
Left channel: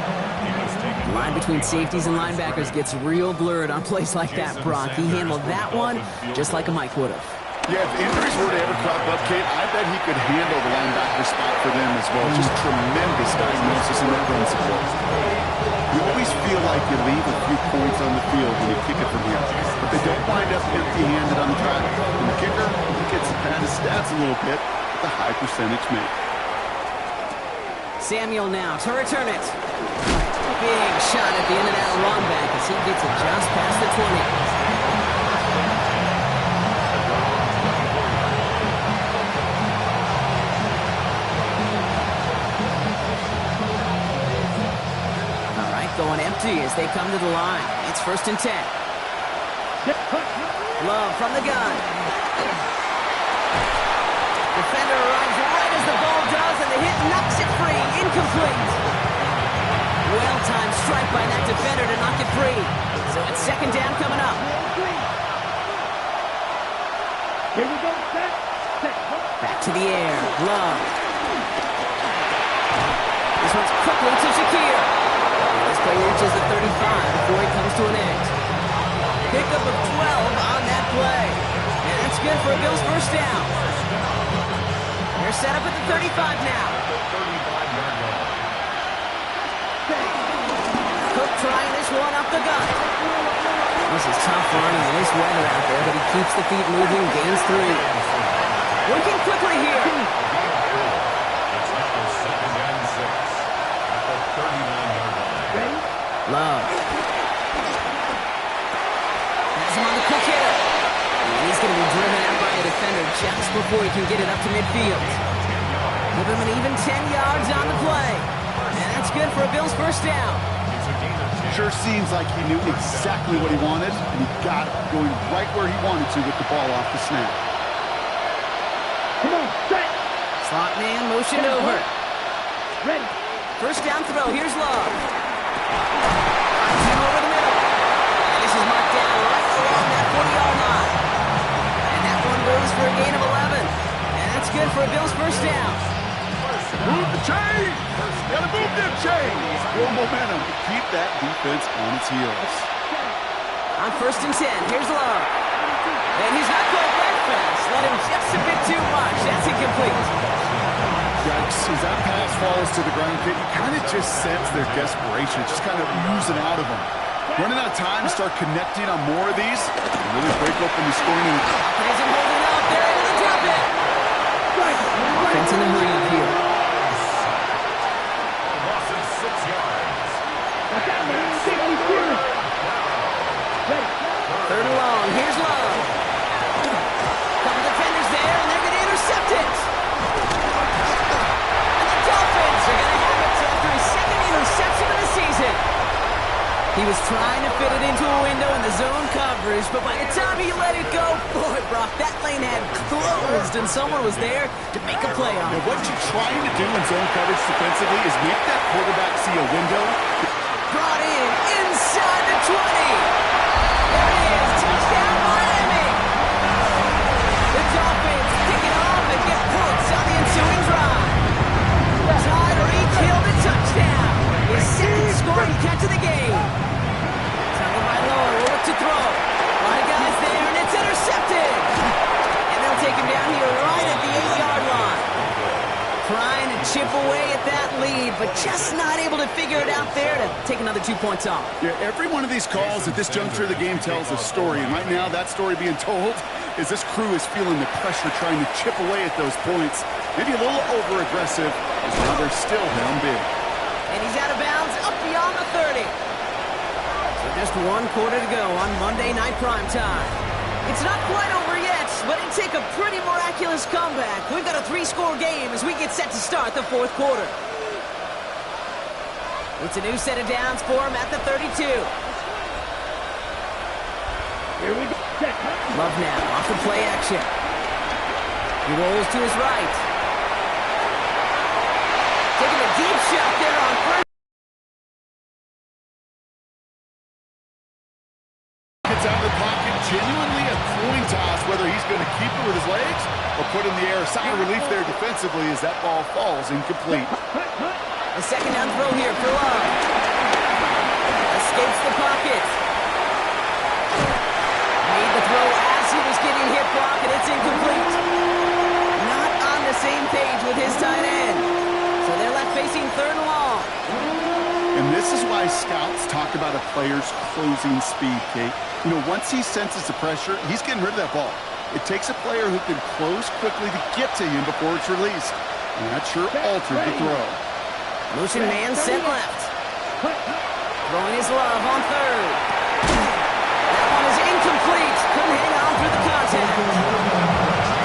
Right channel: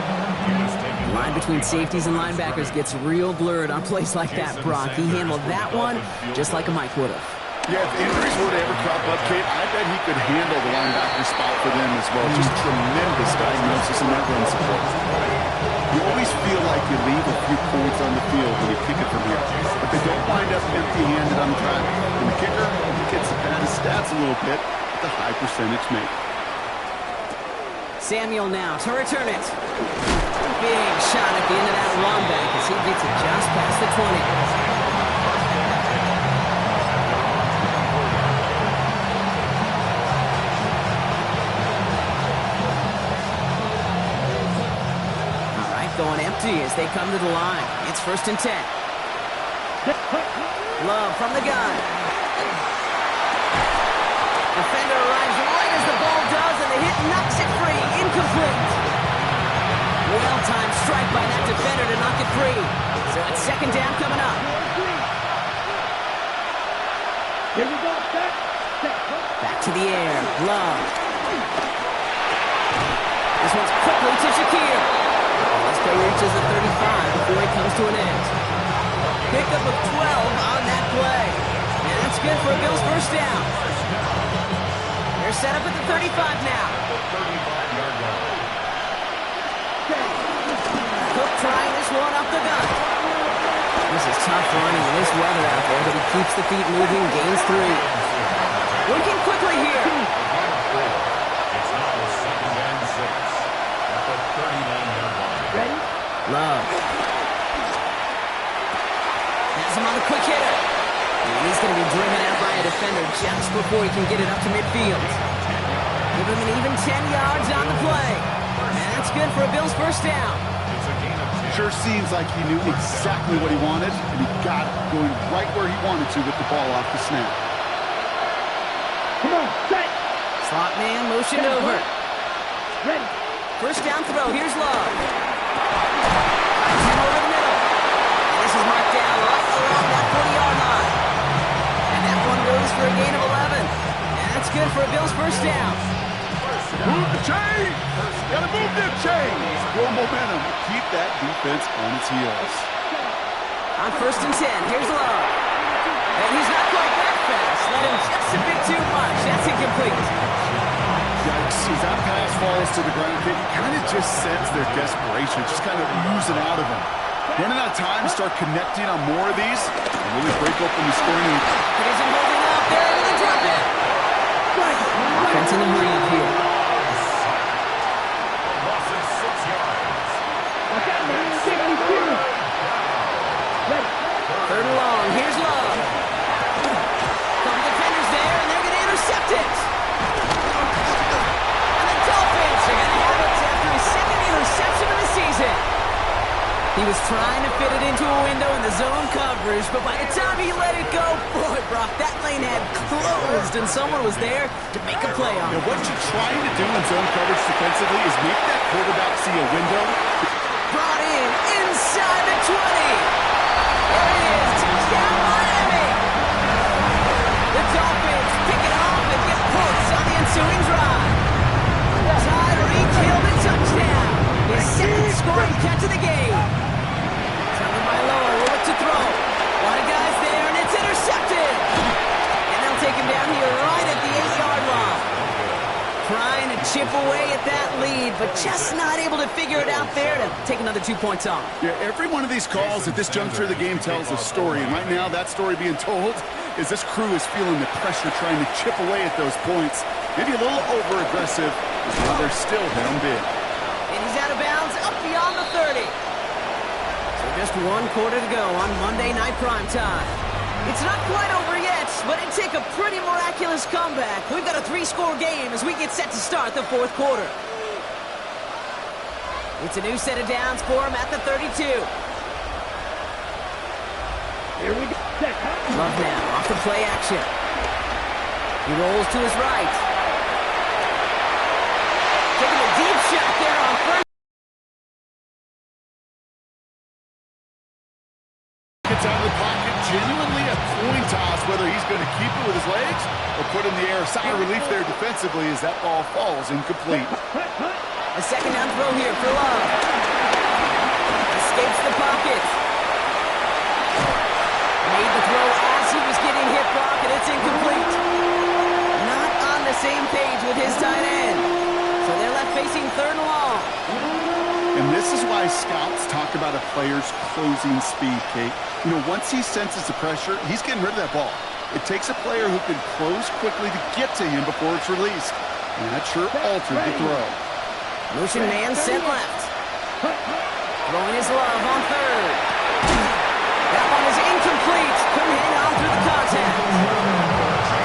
The line between safeties and linebackers gets real blurred on plays like that, Brock. He handled that one just like a Mike would have. Yeah, if injuries were to ever crop up, Kate, I bet he could handle the linebacker spot for them as well. Just tremendous diagnosis in that run support. You always feel like you leave a few points on the field when you kick it from here, but they don't wind up empty-handed on the track. And the kicker, he gets to pad his stats a little bit with a high percentage make. Samuel now to return it. Big shot at the end of that run back as he gets it just past the 20. Going empty as they come to the line. It's 1st and 10. Love from the gun. Defender arrives right as the ball does, and the hit knocks it free. Incomplete. Well-timed strike by that defender to knock it free. So it's second down coming up. Here we go, set. Back to the air. Love. This one's quickly to Shakir. This play reaches the 35 before it comes to an end. Pickup of 12 on that play. And that's good for a Bills first down. They're set up at the 35 now. Cook trying this one up the gut. This is tough running in this weather out there, but he keeps the feet moving, gains 3. Working quickly here. It's now 2nd and 6 at the 39-yard line. Ready? Love. Has him on the quick hitter. And he's going to be driven out by a defender just before he can get it up to midfield. Give him an even 10 yards on the play. And that's good for a Bills first down. Sure seems like he knew exactly what he wanted, and he got it, going right where he wanted to with the ball off the snap. Come on, set. Slot man motioned over. Ready. First down throw. Here's Love. Finds him over the middle. And this is marked down right along that 40-yard line. And that one goes for a gain of 11. And that's good for a Bills first down. Move the chains! Gotta move them chains! More momentum to keep that defense on its heels. On 1st and 10, here's Love. And he's not quite that fast. Let him just a bit too much. That's incomplete. Yikes, as that pass falls to the ground, Kate, you kind of just sense their desperation, just kind of oozing out of them. Running out of time to start connecting on more of these and really break open the scoring. It isn't holding up. They're able to drop it. Offense in a hurry up here. Loss of 6 yards. Watch out, man. Safety clear. Ready. 3rd and long. Here's Love. Couple defenders there, and they're going to intercept it. And the Dolphins are going to have it after his 2nd interception of the season. He was trying to fit it into a window in the zone coverage, but by the time he let it go, boy, Brock, that lane had closed, and someone was there to make a play on it. Now, what you're trying to do in zone coverage defensively is make that quarterback see a window. Brought in inside the 20. There it is. Touchdown, Miami. The Dolphins pick it off and get points on the ensuing drive. So scoring catch of the game. Tagovailoa will look to throw. A lot of guys there, and it's intercepted. And they'll take him down here right at the 8-yard line. Trying to chip away at that lead, but just not able to figure it out there to take another 2 points off. Yeah, every one of these calls at this juncture of the game tells a story, and right now that story being told is this crew is feeling the pressure trying to chip away at those points. Maybe a little over-aggressive, as now they're still down big. And he's out of bounds up beyond the 30. So just 1 quarter to go on Monday Night Primetime. It's not quite over yet, but it'd take a pretty miraculous comeback. We've got a 3-score game as we get set to start the 4th quarter. It's a new set of downs for him at the 32. Here we go. Love now off the play action. He rolls to his right. Taking a deep shot there on first. Gets out of the pocket, genuinely a coin toss whether he's going to keep it with his legs or put in the air. A sigh of relief there defensively as that ball falls incomplete. A second down throw here for Love. Escapes the pocket. Made the throw as he was getting hit, Brock, and it's incomplete. Not on the same page with his tight end. So they're left facing 3rd and long. And this is why scouts talk about a player's closing speed, Kate. You know, once he senses the pressure, he's getting rid of that ball. It takes a player who can close quickly to get to him before it's released. And that sure altered the throw. Motion man sent left. Throwing his Love on 3rd. That one is incomplete. Couldn't hang on through the contact.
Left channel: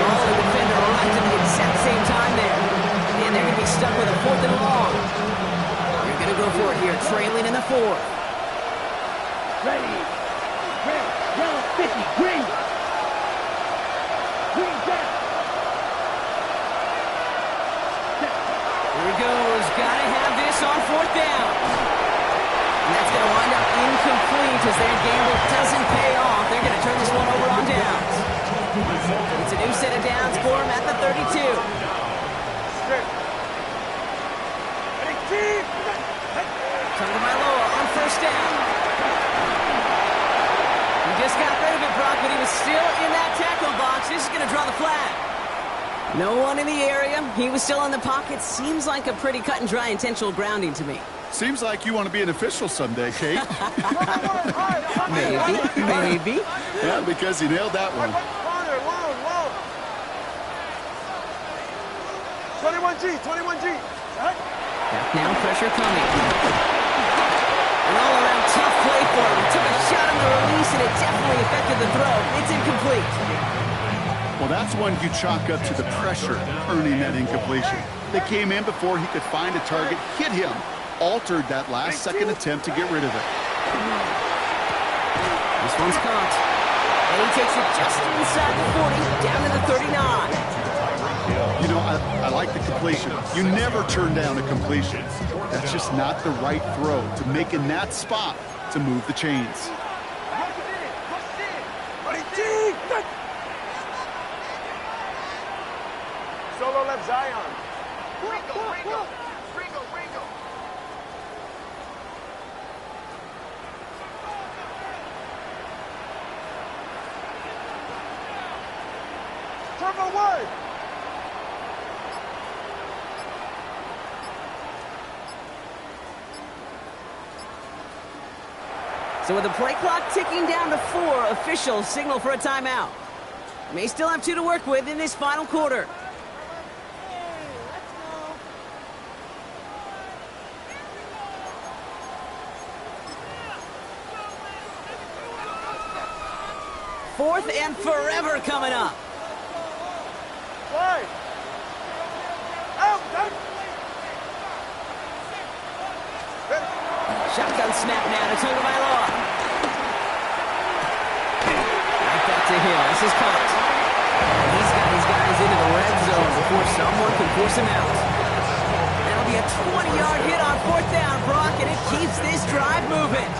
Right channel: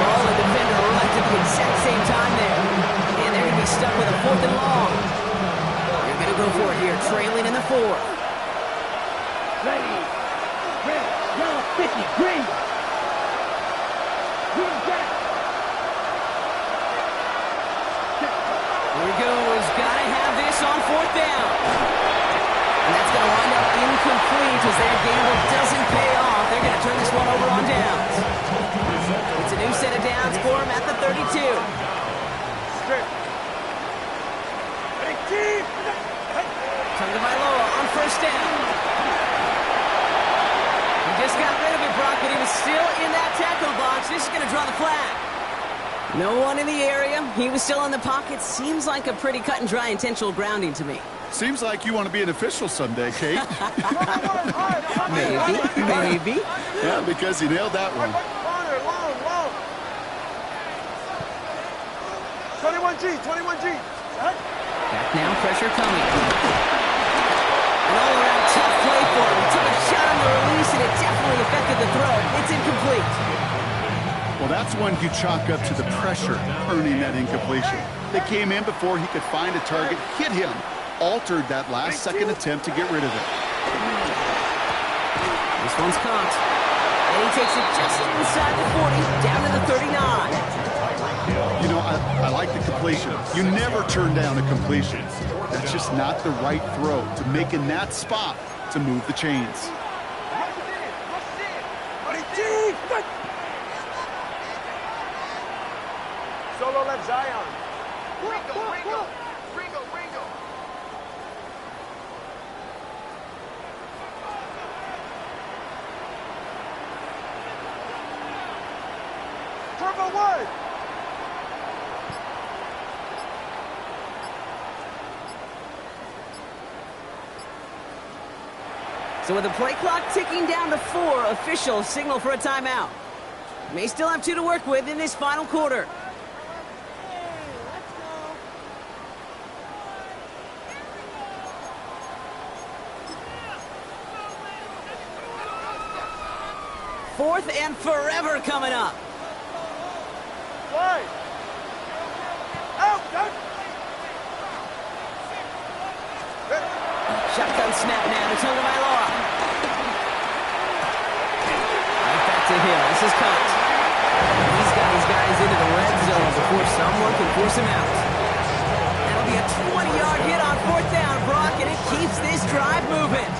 Ball and defender right at the exact same time there. And they're going to be stuck with a 4th and long. They're going to go for it here, trailing in the 4th. Ready. Red, yellow, 50, green. Green jack. Here he goes. Got to have this on 4th down. And that's going to wind up incomplete as their gamble doesn't pay off. They're going to turn this one over on downs. It's a new set of downs for him at the 32. Tagovailoa on 1st down. He just got rid of it, Brock, but he was still in that tackle box. This is going to draw the flag. No one in the area. He was still in the pocket. Seems like a pretty cut and dry intentional grounding to me. Seems like you want to be an official someday, Kate. Maybe. Yeah, because he nailed that one. 21G. Back now, pressure coming. An all-around tough play for him. He took a shot on the release, and it definitely affected the throw. It's incomplete. Well, that's one you chalk up to the pressure earning that incompletion. They came in before he could find a target, hit him, altered that last-second attempt to get rid of it. This one's caught. And he takes it just inside the 40, down to the 39. You know, I like the completion. You never turn down a completion. That's just not the right throw to make in that spot to move the chains. Solo left Zion. Ringo. Turbo one. So with the play clock ticking down to 4, officials signal for a timeout. May still have 2 to work with in this final quarter. Fourth and forever coming up. Slide. Out. Shotgun snap now to Tagovailoa. Right back to Hill. This is caught. He's got his guys into the red zone before someone can force him out. That'll be a 20-yard hit on 4th down, Brock, and it keeps this drive moving.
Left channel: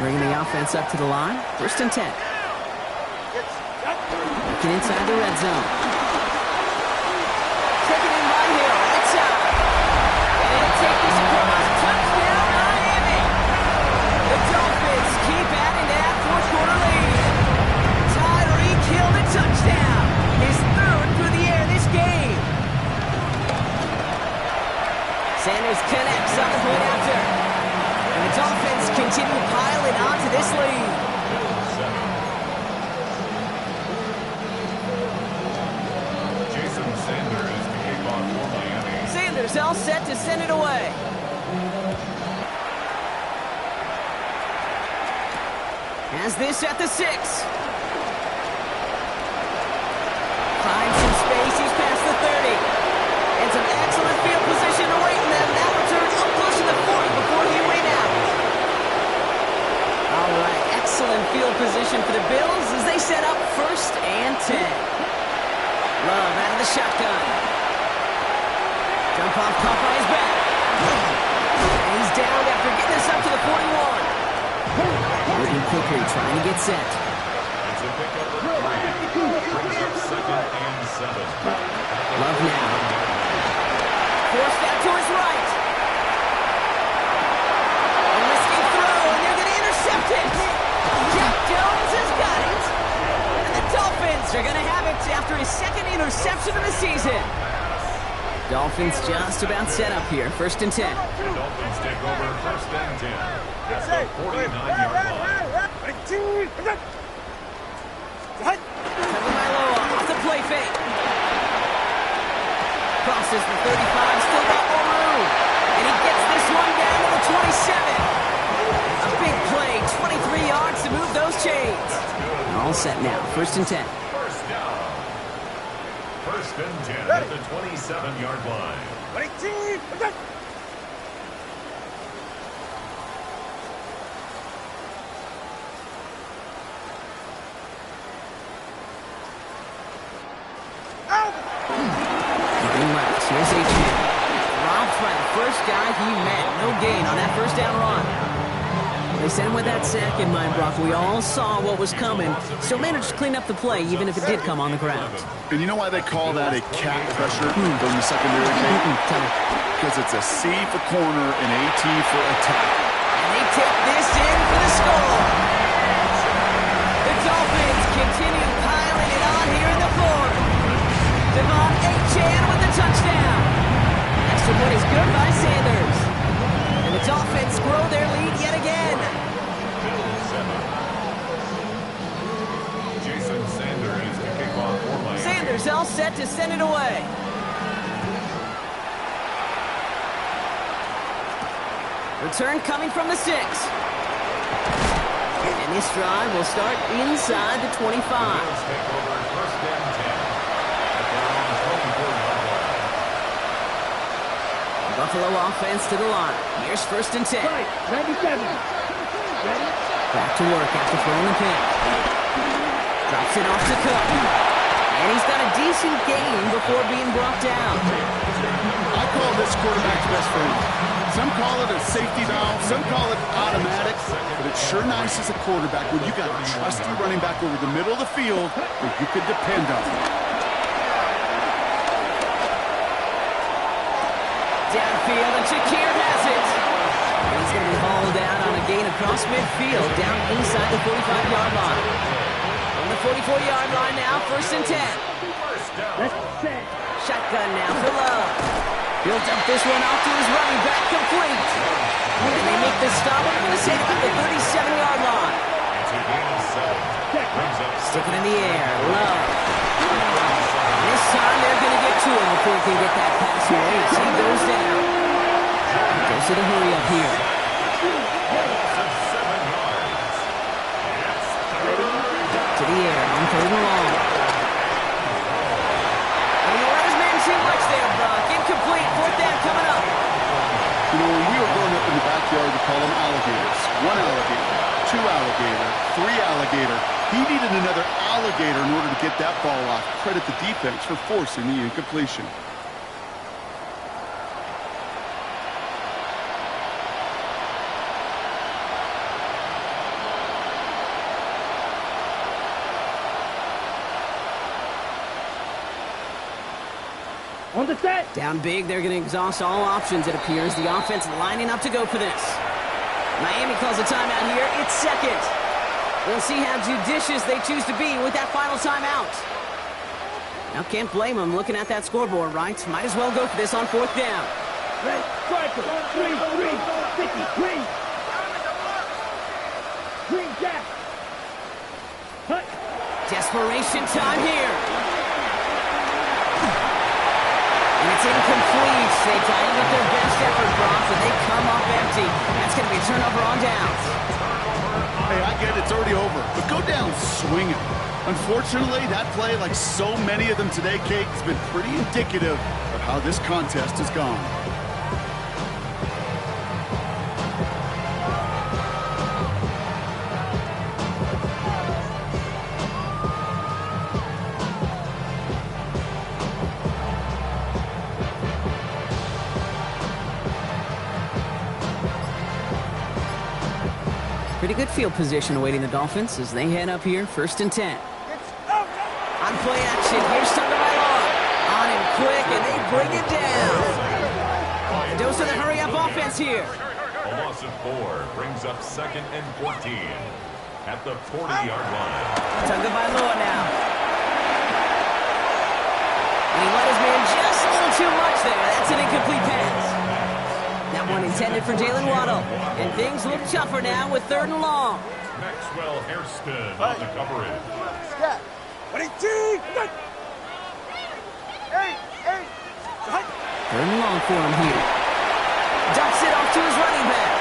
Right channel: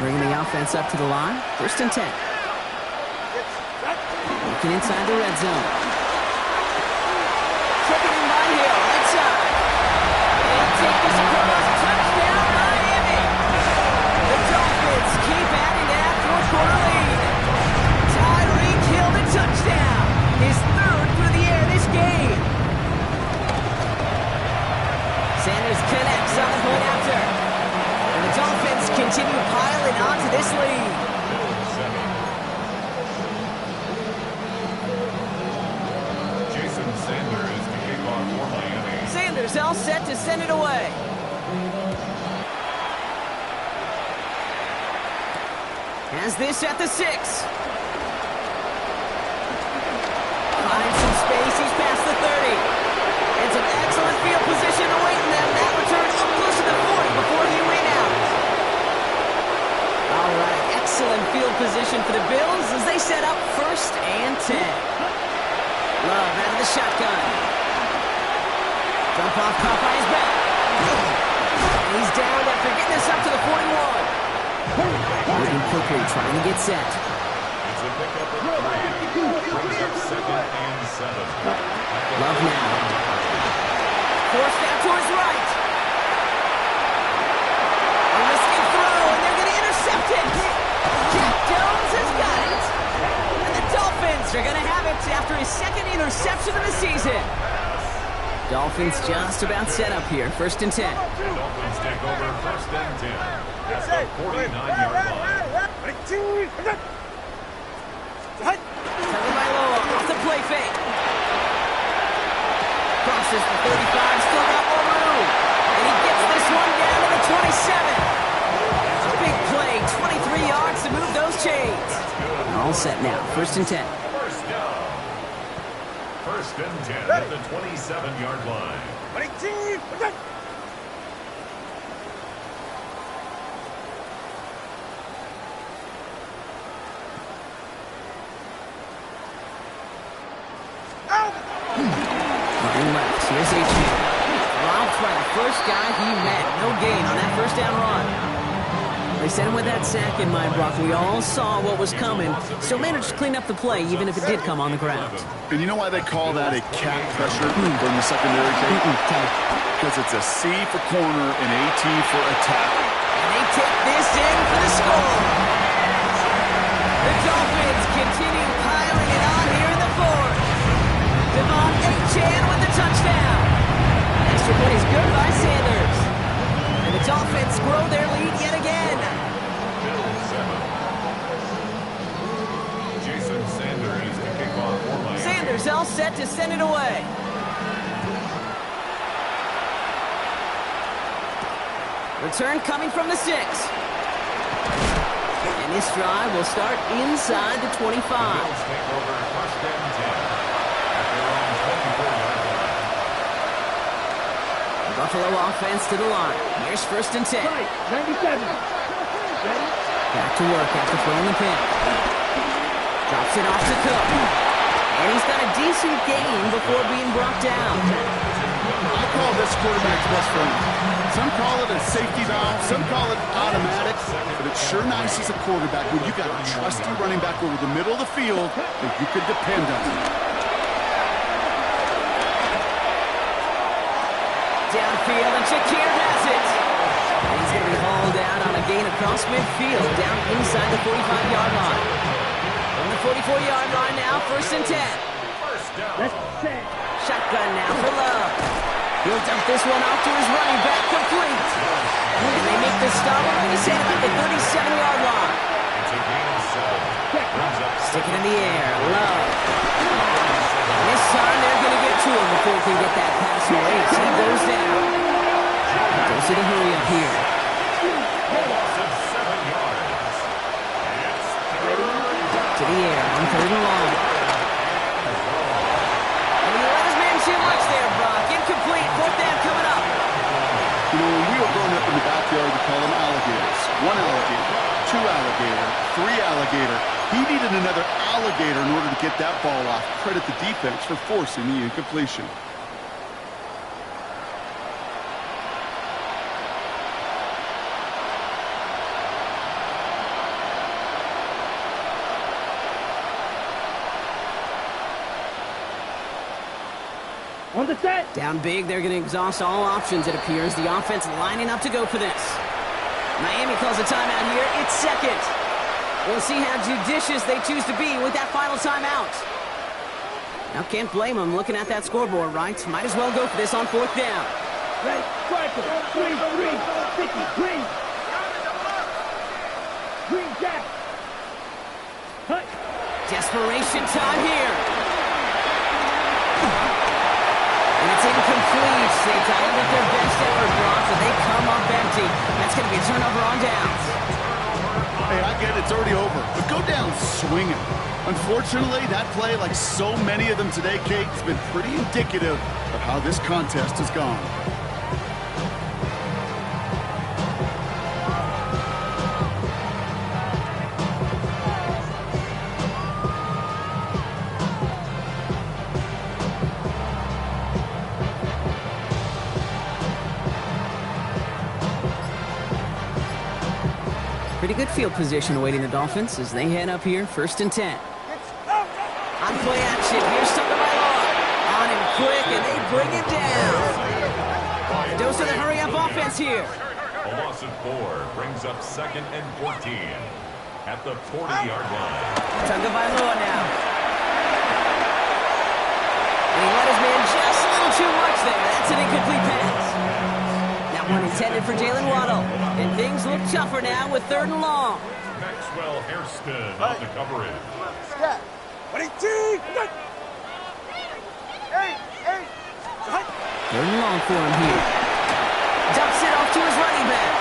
Bringing the offense up to the line. 1st and 10. Looking inside the red zone. Taken in by Hill, right side. And he'll take this across. Touchdown, Miami! touchdown. His third through the air this game. Sanders connects on the point after. And the Dolphins continue piling onto this lead. Jason Sanders to kick off for Miami. Sanders all set to send it away. Has this at the 6. Finds some space, he's past the 30. And some excellent field position awaiting them. That return up close to the 40 before he went out. All right, excellent field position for the Bills as they set up 1st and 10. Love out of the shotgun. Jump off caught by his back. And he's down after getting this up to the 41. Moving quickly, trying to get set. It's a pickup of 3. Brings up 2nd and 7. Love now. Forced out to his right. A risky throw, and they're going to intercept it. Jack Jones has got it. And the Dolphins are going to have it after his 2nd interception of the season. Dolphins just about set up here. 1st and 10. The Dolphins take over 1st and 10 at the 49-yard line. Tagovailoa off the play fake. Crosses the 35, still got more room. And he gets this one down to the 27. A big play, 23 yards to move those chains. All set now, 1st and 10. First down. 1st and 10 at the 27-yard line. Running left, here's H.J. Robbed by the first guy he met. No gain on that 1st down run. They sent him with that sack in mind, Brock. We all saw what was coming. Still managed to clean up the play, even if it did come on the ground. And you know why they call that a cat pressure from the secondary, Kate? Tell me. Because it's a C for corner and A-T for attack. And they take this in for the score. The Dolphins continue piling it on here in the 4th. Devon Achane with the touchdown. Extra point is good by Sanders. And the Dolphins grow their lead yet again. Bills 7. Jason Sanders to kick off for Miami. Sanders all set to send it away. Return coming from the 6. And this drive will start inside the 25. The Bills take over 1st and 10 at their own 24-yard line. Buffalo offense to the line. Here's 1st and 10. Right, 97. Ready? Back to work after throwing the pin. Drops it off to Cook. And he's got a decent gain before being brought down. I call this quarterback's best friend. Some call it a safety valve, some call it automatic, but it's sure nice as a quarterback when you got a trusty running back over the middle of the field that you could depend on. Downfield, and Shakir has it. And he's going to be hauled out on a gain across midfield, down inside the 45-yard line. From the 44-yard line now, 1st and 10. Let's set. Shotgun now for Love. He'll dump this one off to his running back, complete. And they make the stop. We're going to say it about the 37-yard line. It's a gain of 7. Brings up Stick it in the air, Love. And this time they're going to get to him before he can get that pass away. So he goes down. Goes to the hurry up here. loss of 7 yards. It's To the air on 3rd and long. And he let his man too much there, Brock. Incomplete. 4th down coming up. You know, when we were growing up in the backyard, we call them alligators. 1 alligator, 2 alligator, 3 alligator. He needed another alligator in order to get that ball off. Credit the defense for forcing the incompletion. On the set. Down big, they're going to exhaust all options, it appears. The offense lining up to go for this. Miami calls a timeout here. It's 2nd. We'll see how judicious they choose to be with that final timeout. Now, can't blame him looking at that scoreboard, right? Might as well go for this on 4th down. Ready, striker, green, 50, green. Green jack. Hut. Desperation time here. And it's incomplete. They dialed up their best effort, Brock, but they come up empty. That's going to be a turnover on downs. Hey, I get it, it's already over, but go down swinging. Unfortunately, that play, like so many of them today, Kate, has been pretty indicative of how this contest has gone. Pretty good field position awaiting the Dolphins as they head up here, 1st and 10. On play action, here's Tagovailoa. On him quick, and they bring him down. Dose of the hurry-up offense here. A loss of 4 brings up 2nd and 14 at the 40-yard line. Tagovailoa now. And he let his man just a little too much there. That's an incomplete pass. That one intended for Jalen Waddle. And things look tougher now with 3rd and long. Maxwell Hairston on the coverage. Step. 22. 8. 3rd and long for him here. Dumps it off to his running back.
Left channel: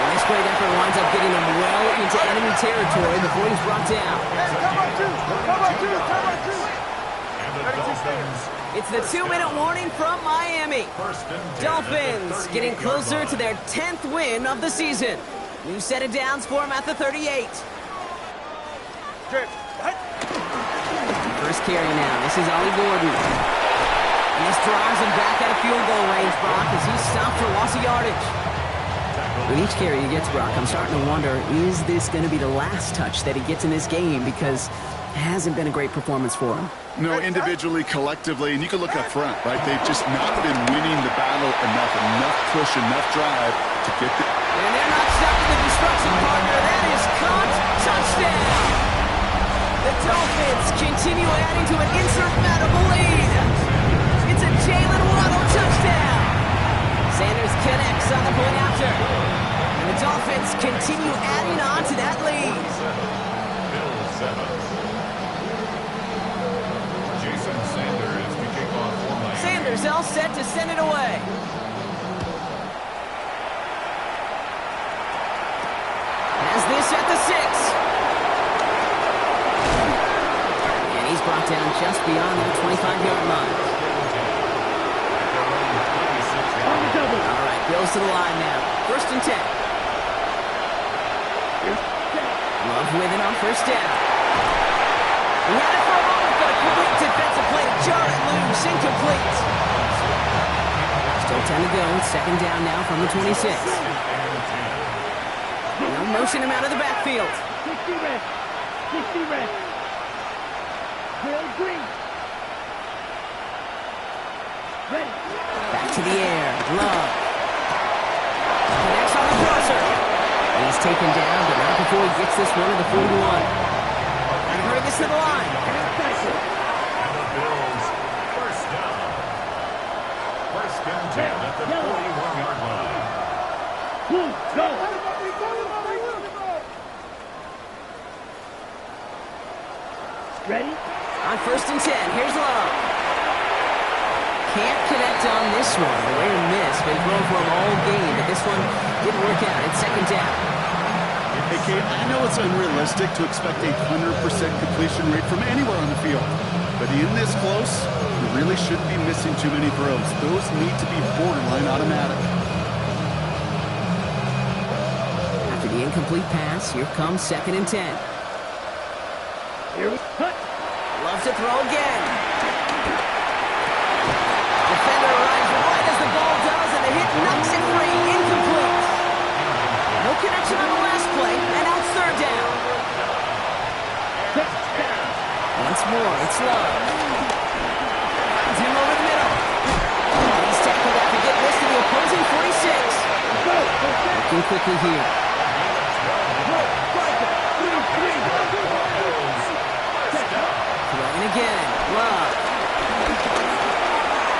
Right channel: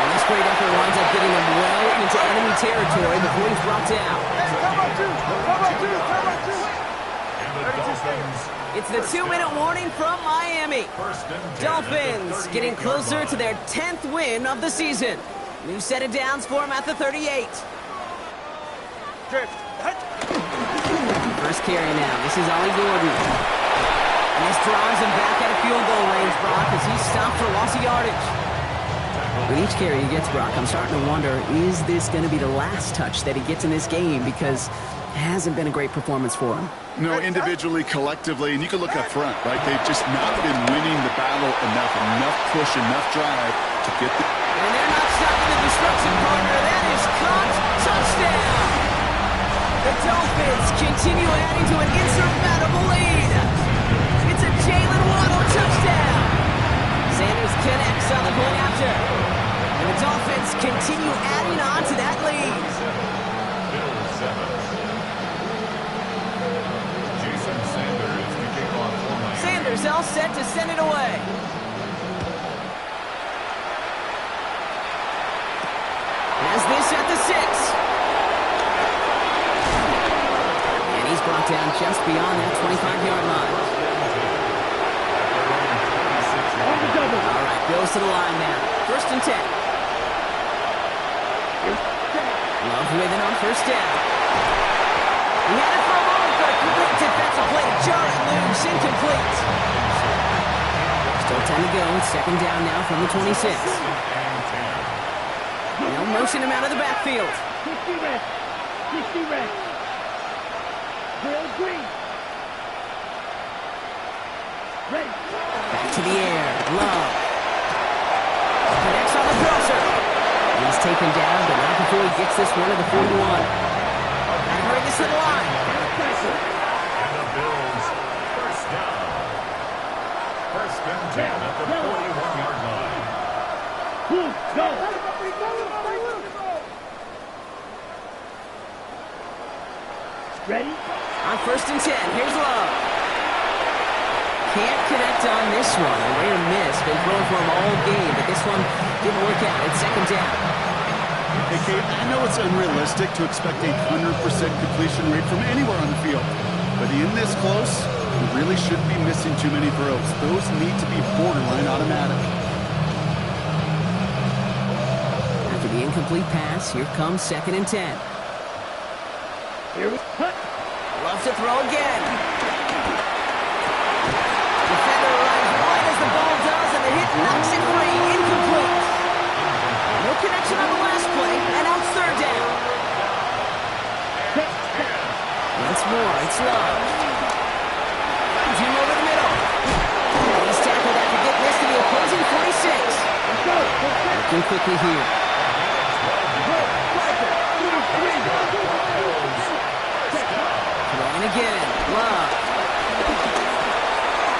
And this great effort winds up getting him well into enemy territory before he's brought down. And the Dolphins. It's the 2-minute warning from Miami. Dolphins getting closer to their 10th win of the season. New set of downs for him at the 38. First carry now. This is Ollie Gordon. And this drives him back at a field goal range, Brock, as he's stopped for loss of yardage. With each carry he gets, Brock, I'm starting to wonder, is this going to be the last touch that he gets in this game? Because it hasn't been a great performance for him. No, individually, collectively, and you can look up front, right? They've just not been winning the battle enough push, enough drive to get the... And they're not stopping the destruction, partner. That is caught. Touchdown! The Dolphins continue adding to an insurmountable lead. It's a Jalen Waddle touchdown. Sanders connects on the point after. And the Dolphins continue adding on to that lead. Bill 7. Jason Sanders to kick off for Miami. Sanders all set to send it away. Has this at the 6. And he's brought down just beyond that 25-yard line. On the double. All right, Bills to the line now. 1st and 10. Love with it on 1st down. He had it for a moment, but a complete defensive play to jar it loose. Incomplete. Still 10 to go. 2nd down now from the 26. They'll motion him out of the backfield. 60 red. 60 red. Drill green. Ready. Back to the air. Love. Connects on the crosser. He's taken down, but not before he gets this one to the 41. And hurry this to the line. And the Bills, 1st down. 1st and 10 at the 41-yard line. Blue, go. Ready? On 1st and 10, here's Love. Can't connect on this one. A rare miss. Been throwing for him all game, but this one didn't work out. It's 2nd down. Hey, Kate, I know it's unrealistic to expect a 100% completion rate from anywhere on the field. But in this close, you really shouldn't be missing too many throws. Those need to be borderline automatic. After the incomplete pass, here comes 2nd and 10. Here we cut. Loves to throw again. Defender arrives right as the ball does, and the hit knocks it free. Incomplete. No connection on the last play, and now it's 3rd down. Once more, it's Love. Finds him over the middle. And he's tackled after getting this to the opposing 46. Looking quickly here. Throwing again. Love.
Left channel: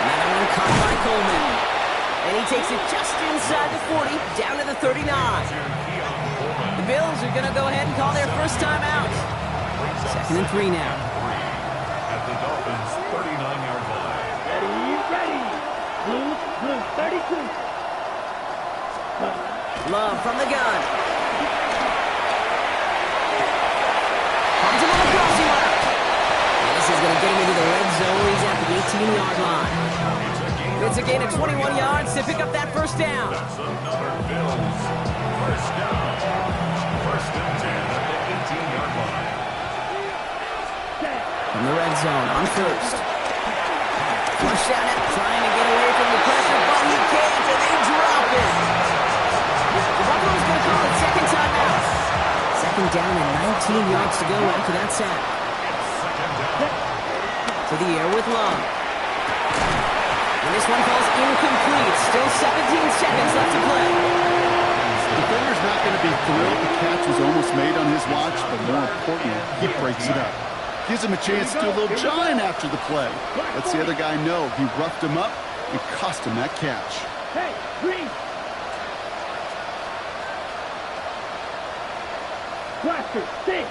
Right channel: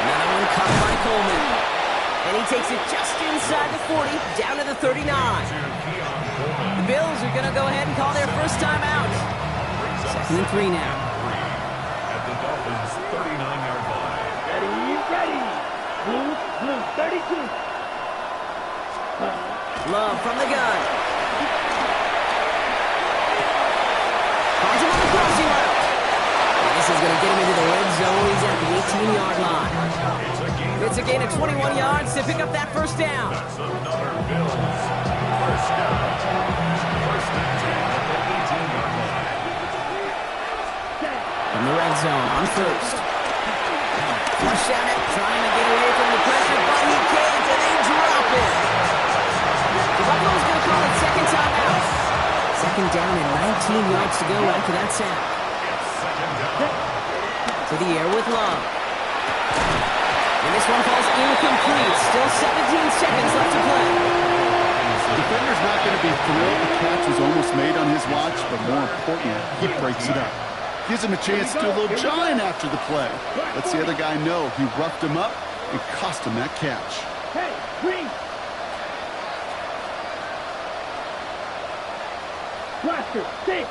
Another one caught by Coleman. And he takes it just inside the 40, down to the 39. The Bills are going to go ahead and call their first time out. 2nd and 3 now. At the Dolphins' 39-yard line. Ready. Blue, 32. Love from the gun. Finds him on the crossing route. And this is going to get him into the red zone. He's at the 18-yard line. It's a gain of 21 yards to pick up that first down. That's another Bills first down. 1st and 10 at the 18-yard line. From the red zone on first. Flush down it, trying to get away from the pressure, but he can't, and they drop it. The Buffalo's going to call it second time out. 2nd down and 19 yards to go after that sack. It's 2nd down. To the air with Love. And this one falls incomplete. Still 17 seconds left to play. The defender's not going to be thrilled the catch was almost made on his watch, but more importantly, he breaks it up. Gives him a chance to do a little jawing after the play. Lets the other guy know he roughed him up and cost him that catch. Hey, green. Blaster, 6.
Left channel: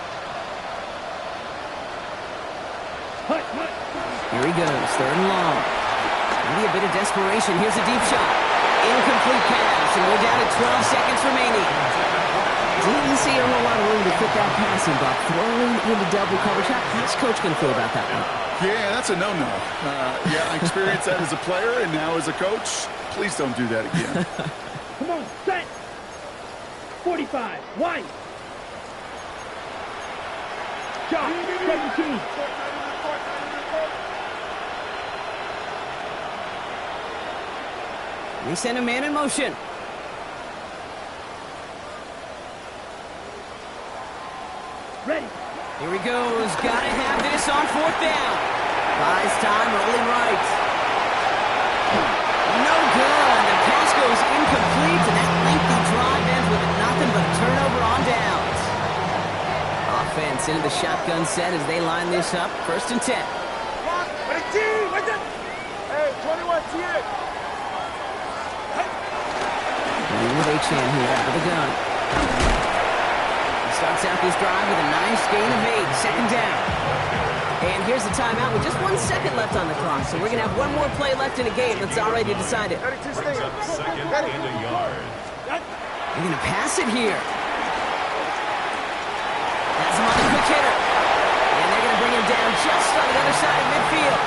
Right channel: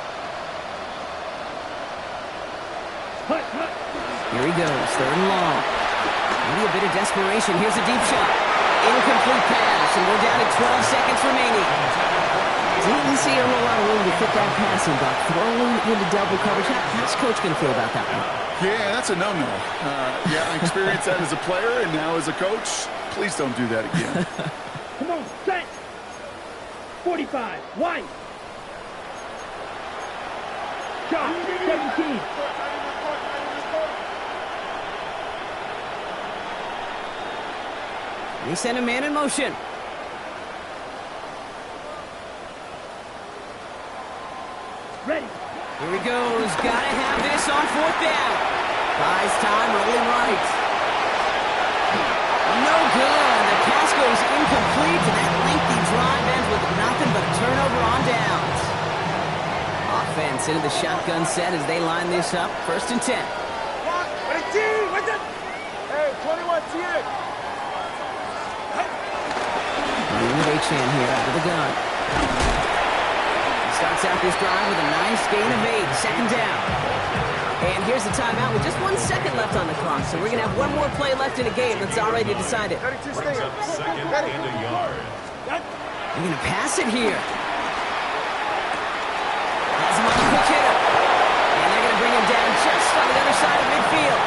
Hut. Here he goes, 3rd and long. Maybe a bit of desperation. Here's a deep shot. Incomplete pass, and we're down to 12 seconds remaining. Didn't see a whole lot of room to fit that passing, but throwing into double coverage. How's Coach going to feel about that one? Yeah, that's a no-no. I experienced that as a player, and now as a coach, please don't do that again. Come on, set. 45, wide. Shot, 17. They send a man in motion. Ready. Here he goes. Gotta have this on 4th down. Buys time, rolling right. No good. The pass goes incomplete, and that lengthy drive ends with nothing but a turnover on downs. Offense into the shotgun set as they line this up. 1st and 10. Hey, 21, TX. With Achane here out of the gun. He starts out this drive with a nice gain of 8. 2nd down. And here's the timeout with just 1 second left on the clock. So we're going to have one more play left in a game that's already decided. 32 Brings up 2nd and a yard. They're going to pass it here. Has him on the quick hitter. And they're going to bring him down just on the other side of midfield.